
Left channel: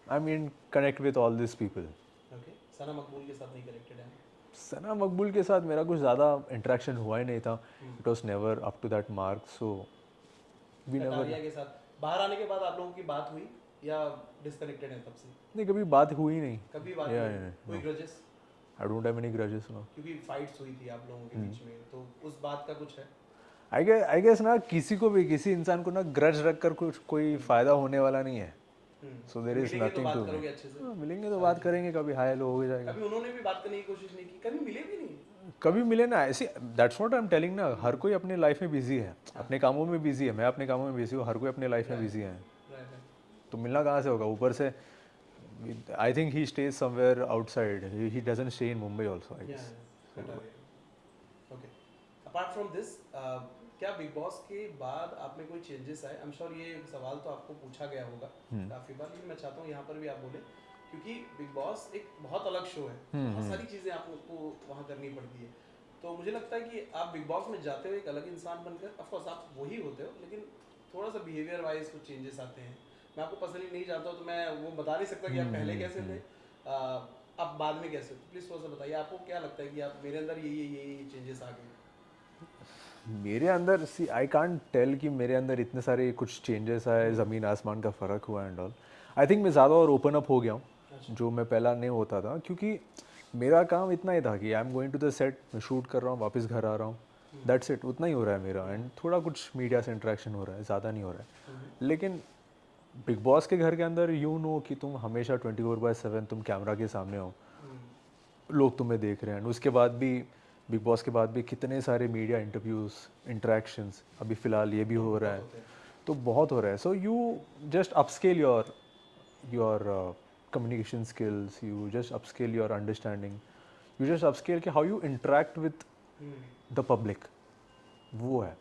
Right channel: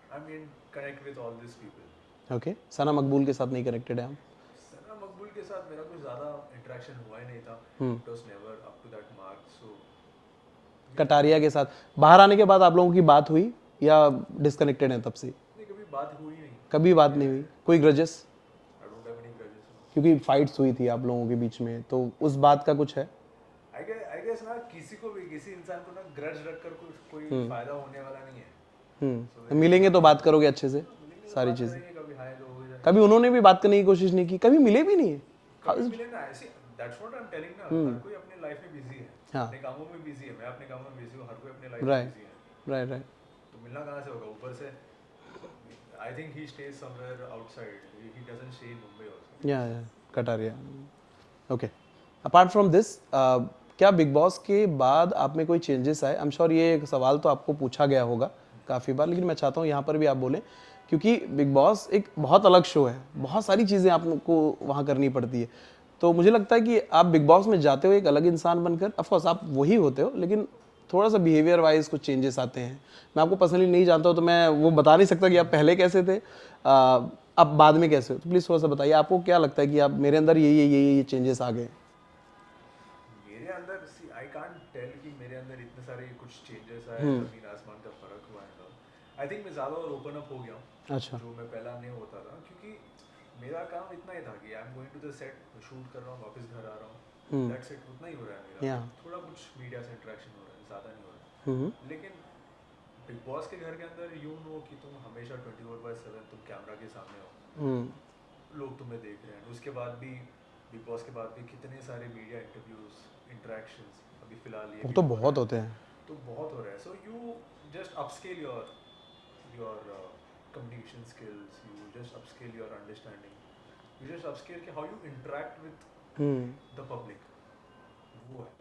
I mean connect with all this people. Okay, Sana Maqbool के साथ नहीं कनेक्टेड है हम? सना मकबूल के साथ मेरा कुछ ज़्यादा इंटरेक्शन हुआ ही नहीं था. It was never up to that mark. So Kataria के साथ बाहर आने के बाद आप लोगों की बात हुई या डिस्कनेक्टेड है तब से? नहीं, कभी बात हुई नहीं. कभी बात नहीं हुई? कोई grudges? I don't have any grudges no. क्योंकि फाइट्स हुई थी आप लोगों के बीच में, तो उस बात का कुछ है? आई गेस ना, किसी को भी, किसी इंसान को ना ग्रज रख कर कुछ कोई फायदा होने वाला नहीं है. So there is मिलेंगे तो nothing बात to करोगे अच्छे से? मिलेंगे तो बात करेंगे, कभी हाय हेलो हो जाएगा. कभी उन्होंने भी बात करने की कोशिश नहीं की? कभी मिले भी नहीं? कभी मिले ना. ऐसे that's what I am telling ना, हर कोई अपनी लाइफ में बिजी है, अपने कामों में बिजी है. मैं अपने कामों में बिजी हूँ, हर कोई अपने लाइफ में बिजी है. Right right. तो मिलना कहाँ से होगा? ऊपर से I think he stays somewhere outside, he doesn't stay in Mumbai also. Yeah Kataria. Okay, apart from this, क्या बिग बॉस के बाद आप में कोई चेंजेस आए? आई एम श्योर ये सवाल तो आपको पूछा गया होगा काफ़ी बार, लेकिन मैं चाहता हूँ यहाँ पर भी आप बोलें, क्योंकि बिग बॉस एक बहुत अलग शो है. बहुत सारी चीज़ें आपको वहाँ करनी पड़ती है. तो मुझे लगता है कि आप बिग बॉस में जाते हो एक अलग इंसान बनकर. ऑफकोर्स आप वही होते हो, लेकिन थोड़ा सा बिहेवियर वाइज कुछ चेंजेस आते हैं. मैं आपको पर्सनली नहीं जानता हूँ, तो मैं वो बता नहीं सकता कि आप पहले कैसे थे, अब बाद में कैसे हो. तो प्लीज़ थोड़ा सा बताइए, आपको क्या लगता है कि आप मेरे अंदर ये चेंजेस आ गए? मेरे अंदर सी आई कांट टेल कि मेरे अंदर इतने सारे कुछ चेंजेस आए, ज़मीन आसमान का फ़र्क हुआ एंड ऑल. आई थिंक मैं ज़्यादा और ओपन अप हो गया हूँ. अच्छा. जो मैं पहला नहीं होता था, क्योंकि मेरा काम इतना ही था कि I am going to the set, मैं शूट कर रहा हूँ, वापस घर आ रहा हूँ, दैट्स इट. उतना ही हो रहा है मेरा. थोड़ा कुछ मीडिया से इंटरेक्शन हो रहा है, ज़्यादा नहीं हो रहा है. लेकिन बिग बॉस के घर के अंदर यू नो कि तुम हमेशा 24/7 तुम कैमरा के सामने हो, लोग तुम्हें देख रहे हैं. उसके बाद भी बिग बॉस के बाद भी कितने सारे मीडिया इंटरव्यूज, इंटरेक्शंस, अभी फिलहाल ये भी तो हो रहा बहुत है. होते हैं. तो बहुत हो रहा है. So you just upscale your communication skills, you just upscale your understanding, you just upscale कि how you interact with the public. वो है.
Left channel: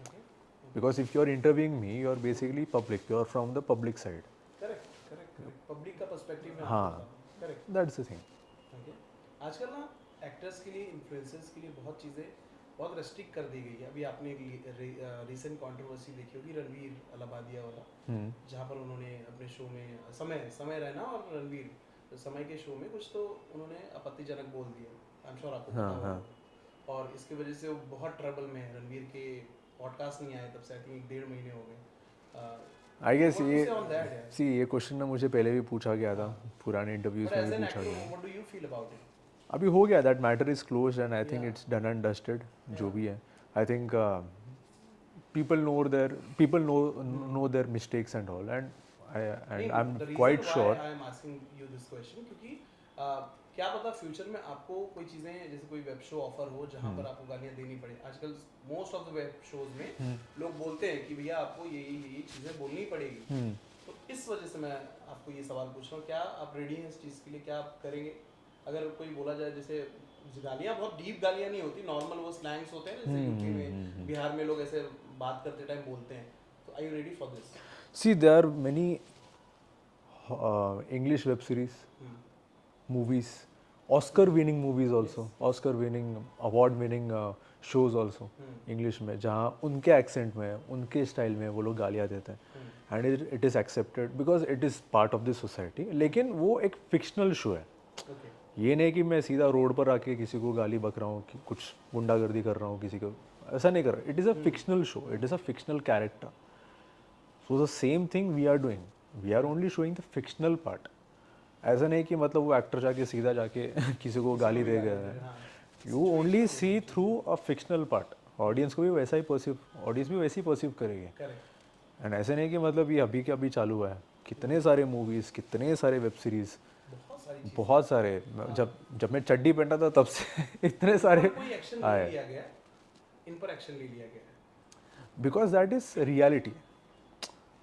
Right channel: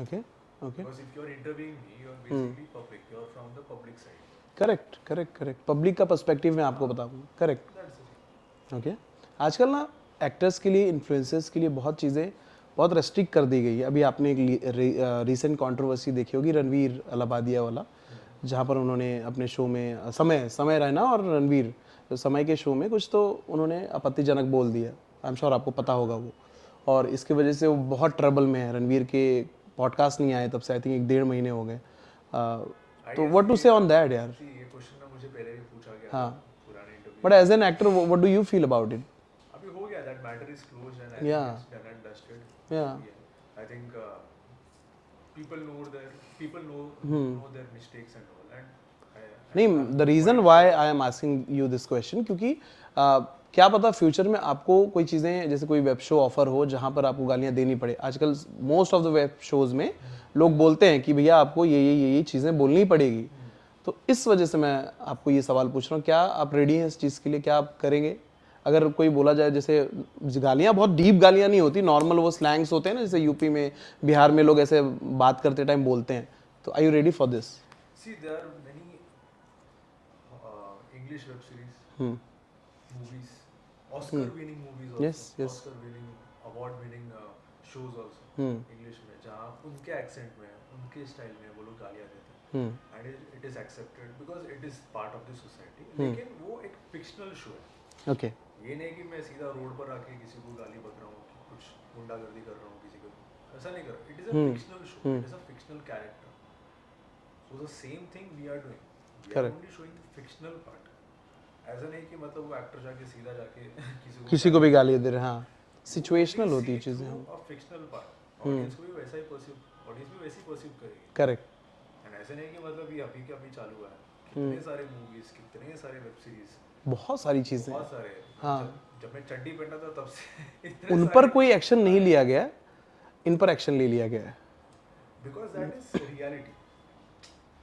Okay. Because if you are interviewing me, you are basically public, you are from the public side. Correct. Public का perspective में आपको बताऊँ. Correct, that's the thing. Okay. आजकल ना actors के लिए, इन्फ्लुएंसर्स के लिए बहुत चीज़ें बहुत रेस्ट्रिक्ट कर दी गई है. अभी आपने एक रीसेंट कंट्रोवर्सी देखी होगी, रणवीर अलाहाबादिया वाला, जहाँ पर उन्होंने अपने शो में समय रैना और रणवीर, तो समय के शो में कुछ तो उन्होंने आपत्तिजनक बोल दिया. आई एम श्योर आपको पता होगा वो. और इसकी वजह से वो बहुत ट्रबल में है. रणवीर के पॉडकास्ट नहीं आए तब से, आई थिंक 1.5 महीने हो गए. व्हाट टू से ऑन दैट यार? सी ये क्वेश्चन ना मुझे पहले भी पूछा गया था पुराने interview. But as an actor what do you feel about it? अभी हो गया, that matter is closed and I think it's done and dusted. जो भी है, I think people know their mistakes and all. And नहीं, the reason why I am asking you this question, क्योंकि क्या पता फ्यूचर में आपको कोई चीज़ें, जैसे कोई वेब शो ऑफर हो जहाँ पर आपको गालियाँ देनी पड़े. आजकल most of the web shows में लोग बोलते हैं कि भैया आपको ये चीज़ें बोलनी पड़ेगी. तो इस वजह से मैं आपको ये सवाल पूछ रहा हूँ, क्या आप रेडी हैं इस चीज़ के लिए? क्या आप करेंगे? अगर कोई बोला जाए, जैसे गालियाँ बहुत डीप गालियाँ नहीं होती, नॉर्मल वो स्लैंग्स होते हैं ना, जैसे यूपी में, बिहार में लोग ऐसे बात करते टाइम बोलते हैं. तो are you ready for this? See there are many English web series, movies, Oscar winning movies also, Yes. Oscar winning, award winning shows also, English में, जहाँ उनके accent में, उनके style में वो लोग गालियाँ देते हैं. And it is accepted because it is part of the society. लेकिन वो एक fictional show है. ओके ये नहीं कि मैं सीधा रोड पर आके किसी को गाली बक रहा हूँ कि कुछ गुंडागर्दी कर रहा हूँ किसी को, ऐसा नहीं कर रहा. It is a fictional show, it is a fictional character. So the same thing we are doing, we are only showing the fictional part. ऐसा नहीं कि मतलब वो एक्टर जाके सीधा जाके किसी को भी गाली दे रहे हैं, हाँ यू ओनली सिचुएशनल होती सी है थ्रू चीज़ें, अ फिक्शनल पार्ट. ऑडियंस को भी वैसा ही परसीव, ऑडियंस भी वैसे ही परसीव करेगी. करेक्ट. एंड ऐसे नहीं कि मतलब ये अभी के अभी चालू है, कितने सारे मूवीज, कितने सारे वेब सीरीज, बहुत सारी चीज़ें, बहुत सारे. जब मैं चड्डी पहनता था तब से इतने उन सारे. पर कोई एक्शन नहीं लिया गया है, इन पर एक्शन ले लिया गया है. Because that is reality.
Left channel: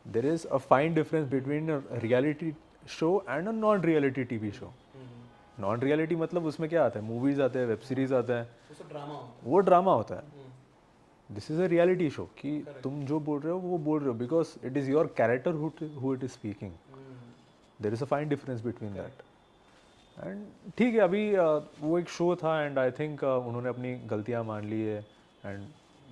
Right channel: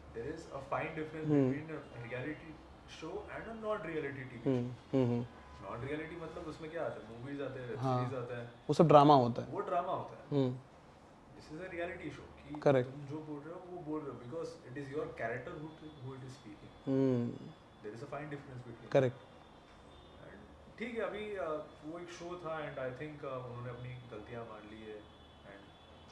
There is a fine difference between a reality show and a non reality TV show. Non reality मतलब उसमें क्या आता है, मूवीज आते हैं, वेब सीरीज आता है, वो सब ड्रामा होता है. वो ड्रामा होता है. This is a reality show कि Correct. तुम जो बोल रहे हो वो बोल रहे हो, because it is your character who it is speaking. There is a fine difference between. Correct. And ठीक है, अभी वो एक शो था एंड आई थिंक उन्होंने अपनी गलतियां मान ली है एंड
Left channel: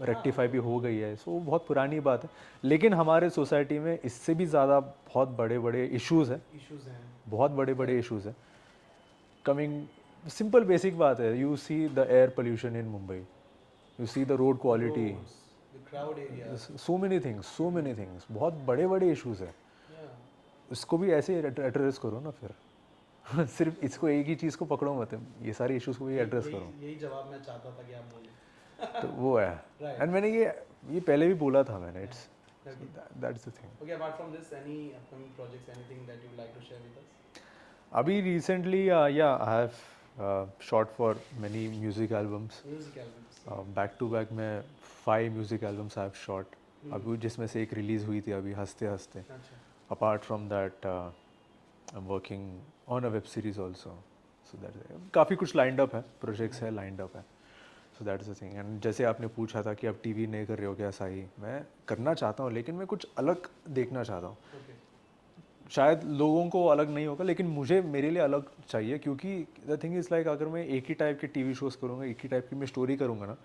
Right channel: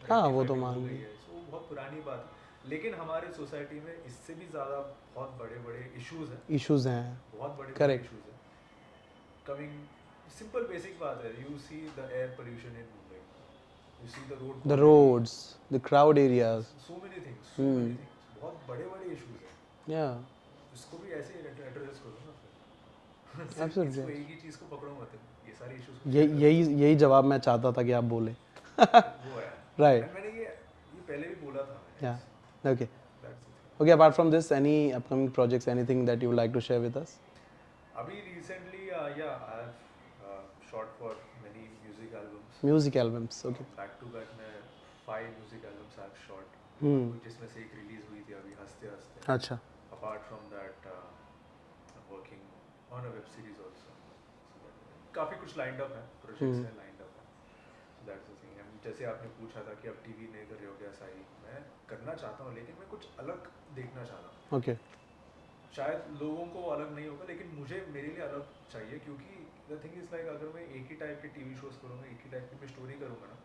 रेक्टिफाई तो भी हो गई है. सो बहुत पुरानी बात है, लेकिन हमारे सोसाइटी में इससे भी ज़्यादा बहुत बड़े बड़े इश्यूज हैं, इश्यूज हैं. बहुत बड़े बड़े इश्यूज हैं. कमिंग सिंपल बेसिक बात है, you see the air pollution in Mumbai, you see the road the quality, roads, the crowd areas, so many things, बहुत बड़े बड़े इश्यूज है. या इसको भी ऐसे एड्रेस करो ना फिर. सिर्फ इसको एक ही चीज़ को पकड़ो मत, ये सारे इश्यूज को भी address यही जवाब मैं चाहता था कि आप बोले. करो. तो वो है. Right. एंड मैंने ये पहले भी बोला था मैंने. Yeah. Okay. That's the thing. Okay, apart from this, any upcoming projects, anything that you would like to share with us? अभी recently yeah I have shot for many music albums. Music albums. Okay. Back to back में 5 music albums I have shot, जिसमें से एक release हुई थी अभी हंसते हंसते. अच्छा. Apart from that I am working on a web series also. So that काफ़ी कुछ लाइंड अप है, प्रोजेक्ट्स है, लाइंड अप है. So that is the thing. And जैसे आपने पूछा था कि अब टीवी नहीं कर रहे हो क्या साई, मैं करना चाहता हूँ लेकिन मैं कुछ अलग देखना चाहता हूँ. Okay. शायद लोगों को अलग नहीं होगा लेकिन मुझे, मेरे लिए अलग चाहिए, क्योंकि द थिंग इज़ लाइक अगर मैं एक ही टाइप के टीवी शोज़ करूँगा, एक ही टाइप की मैं स्टोरी करूँगा ना,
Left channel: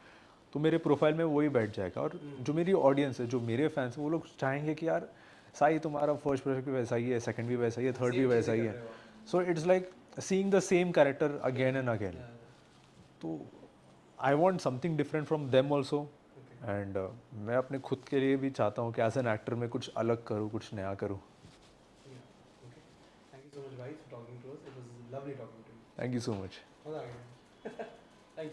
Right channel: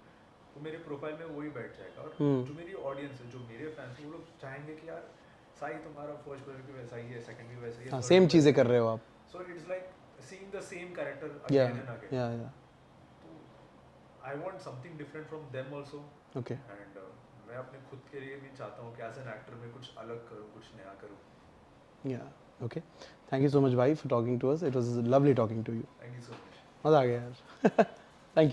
तो मेरे प्रोफाइल में वही बैठ जाएगा. और जो मेरी ऑडियंस है, जो मेरे फैंस हैं, वो लोग चाहेंगे कि यार साई तुम्हारा फर्स्ट प्रोजेक्ट भी वैसा ही है, सेकंड भी वैसा ही है, थर्ड सेम चीज़ें कर रहे हो आप. So it's like seeing the same character again and again. Yeah. तो I want something different from them also. Okay. And मैं अपने खुद के लिए भी चाहता हूँ कि एज एन एक्टर मैं कुछ अलग करूँ, कुछ नया करूँ. Yeah. Okay. Thank you so much, bhai, for talking to us. It was lovely talking to you. Thank you so much. मज़ा आ गया यार.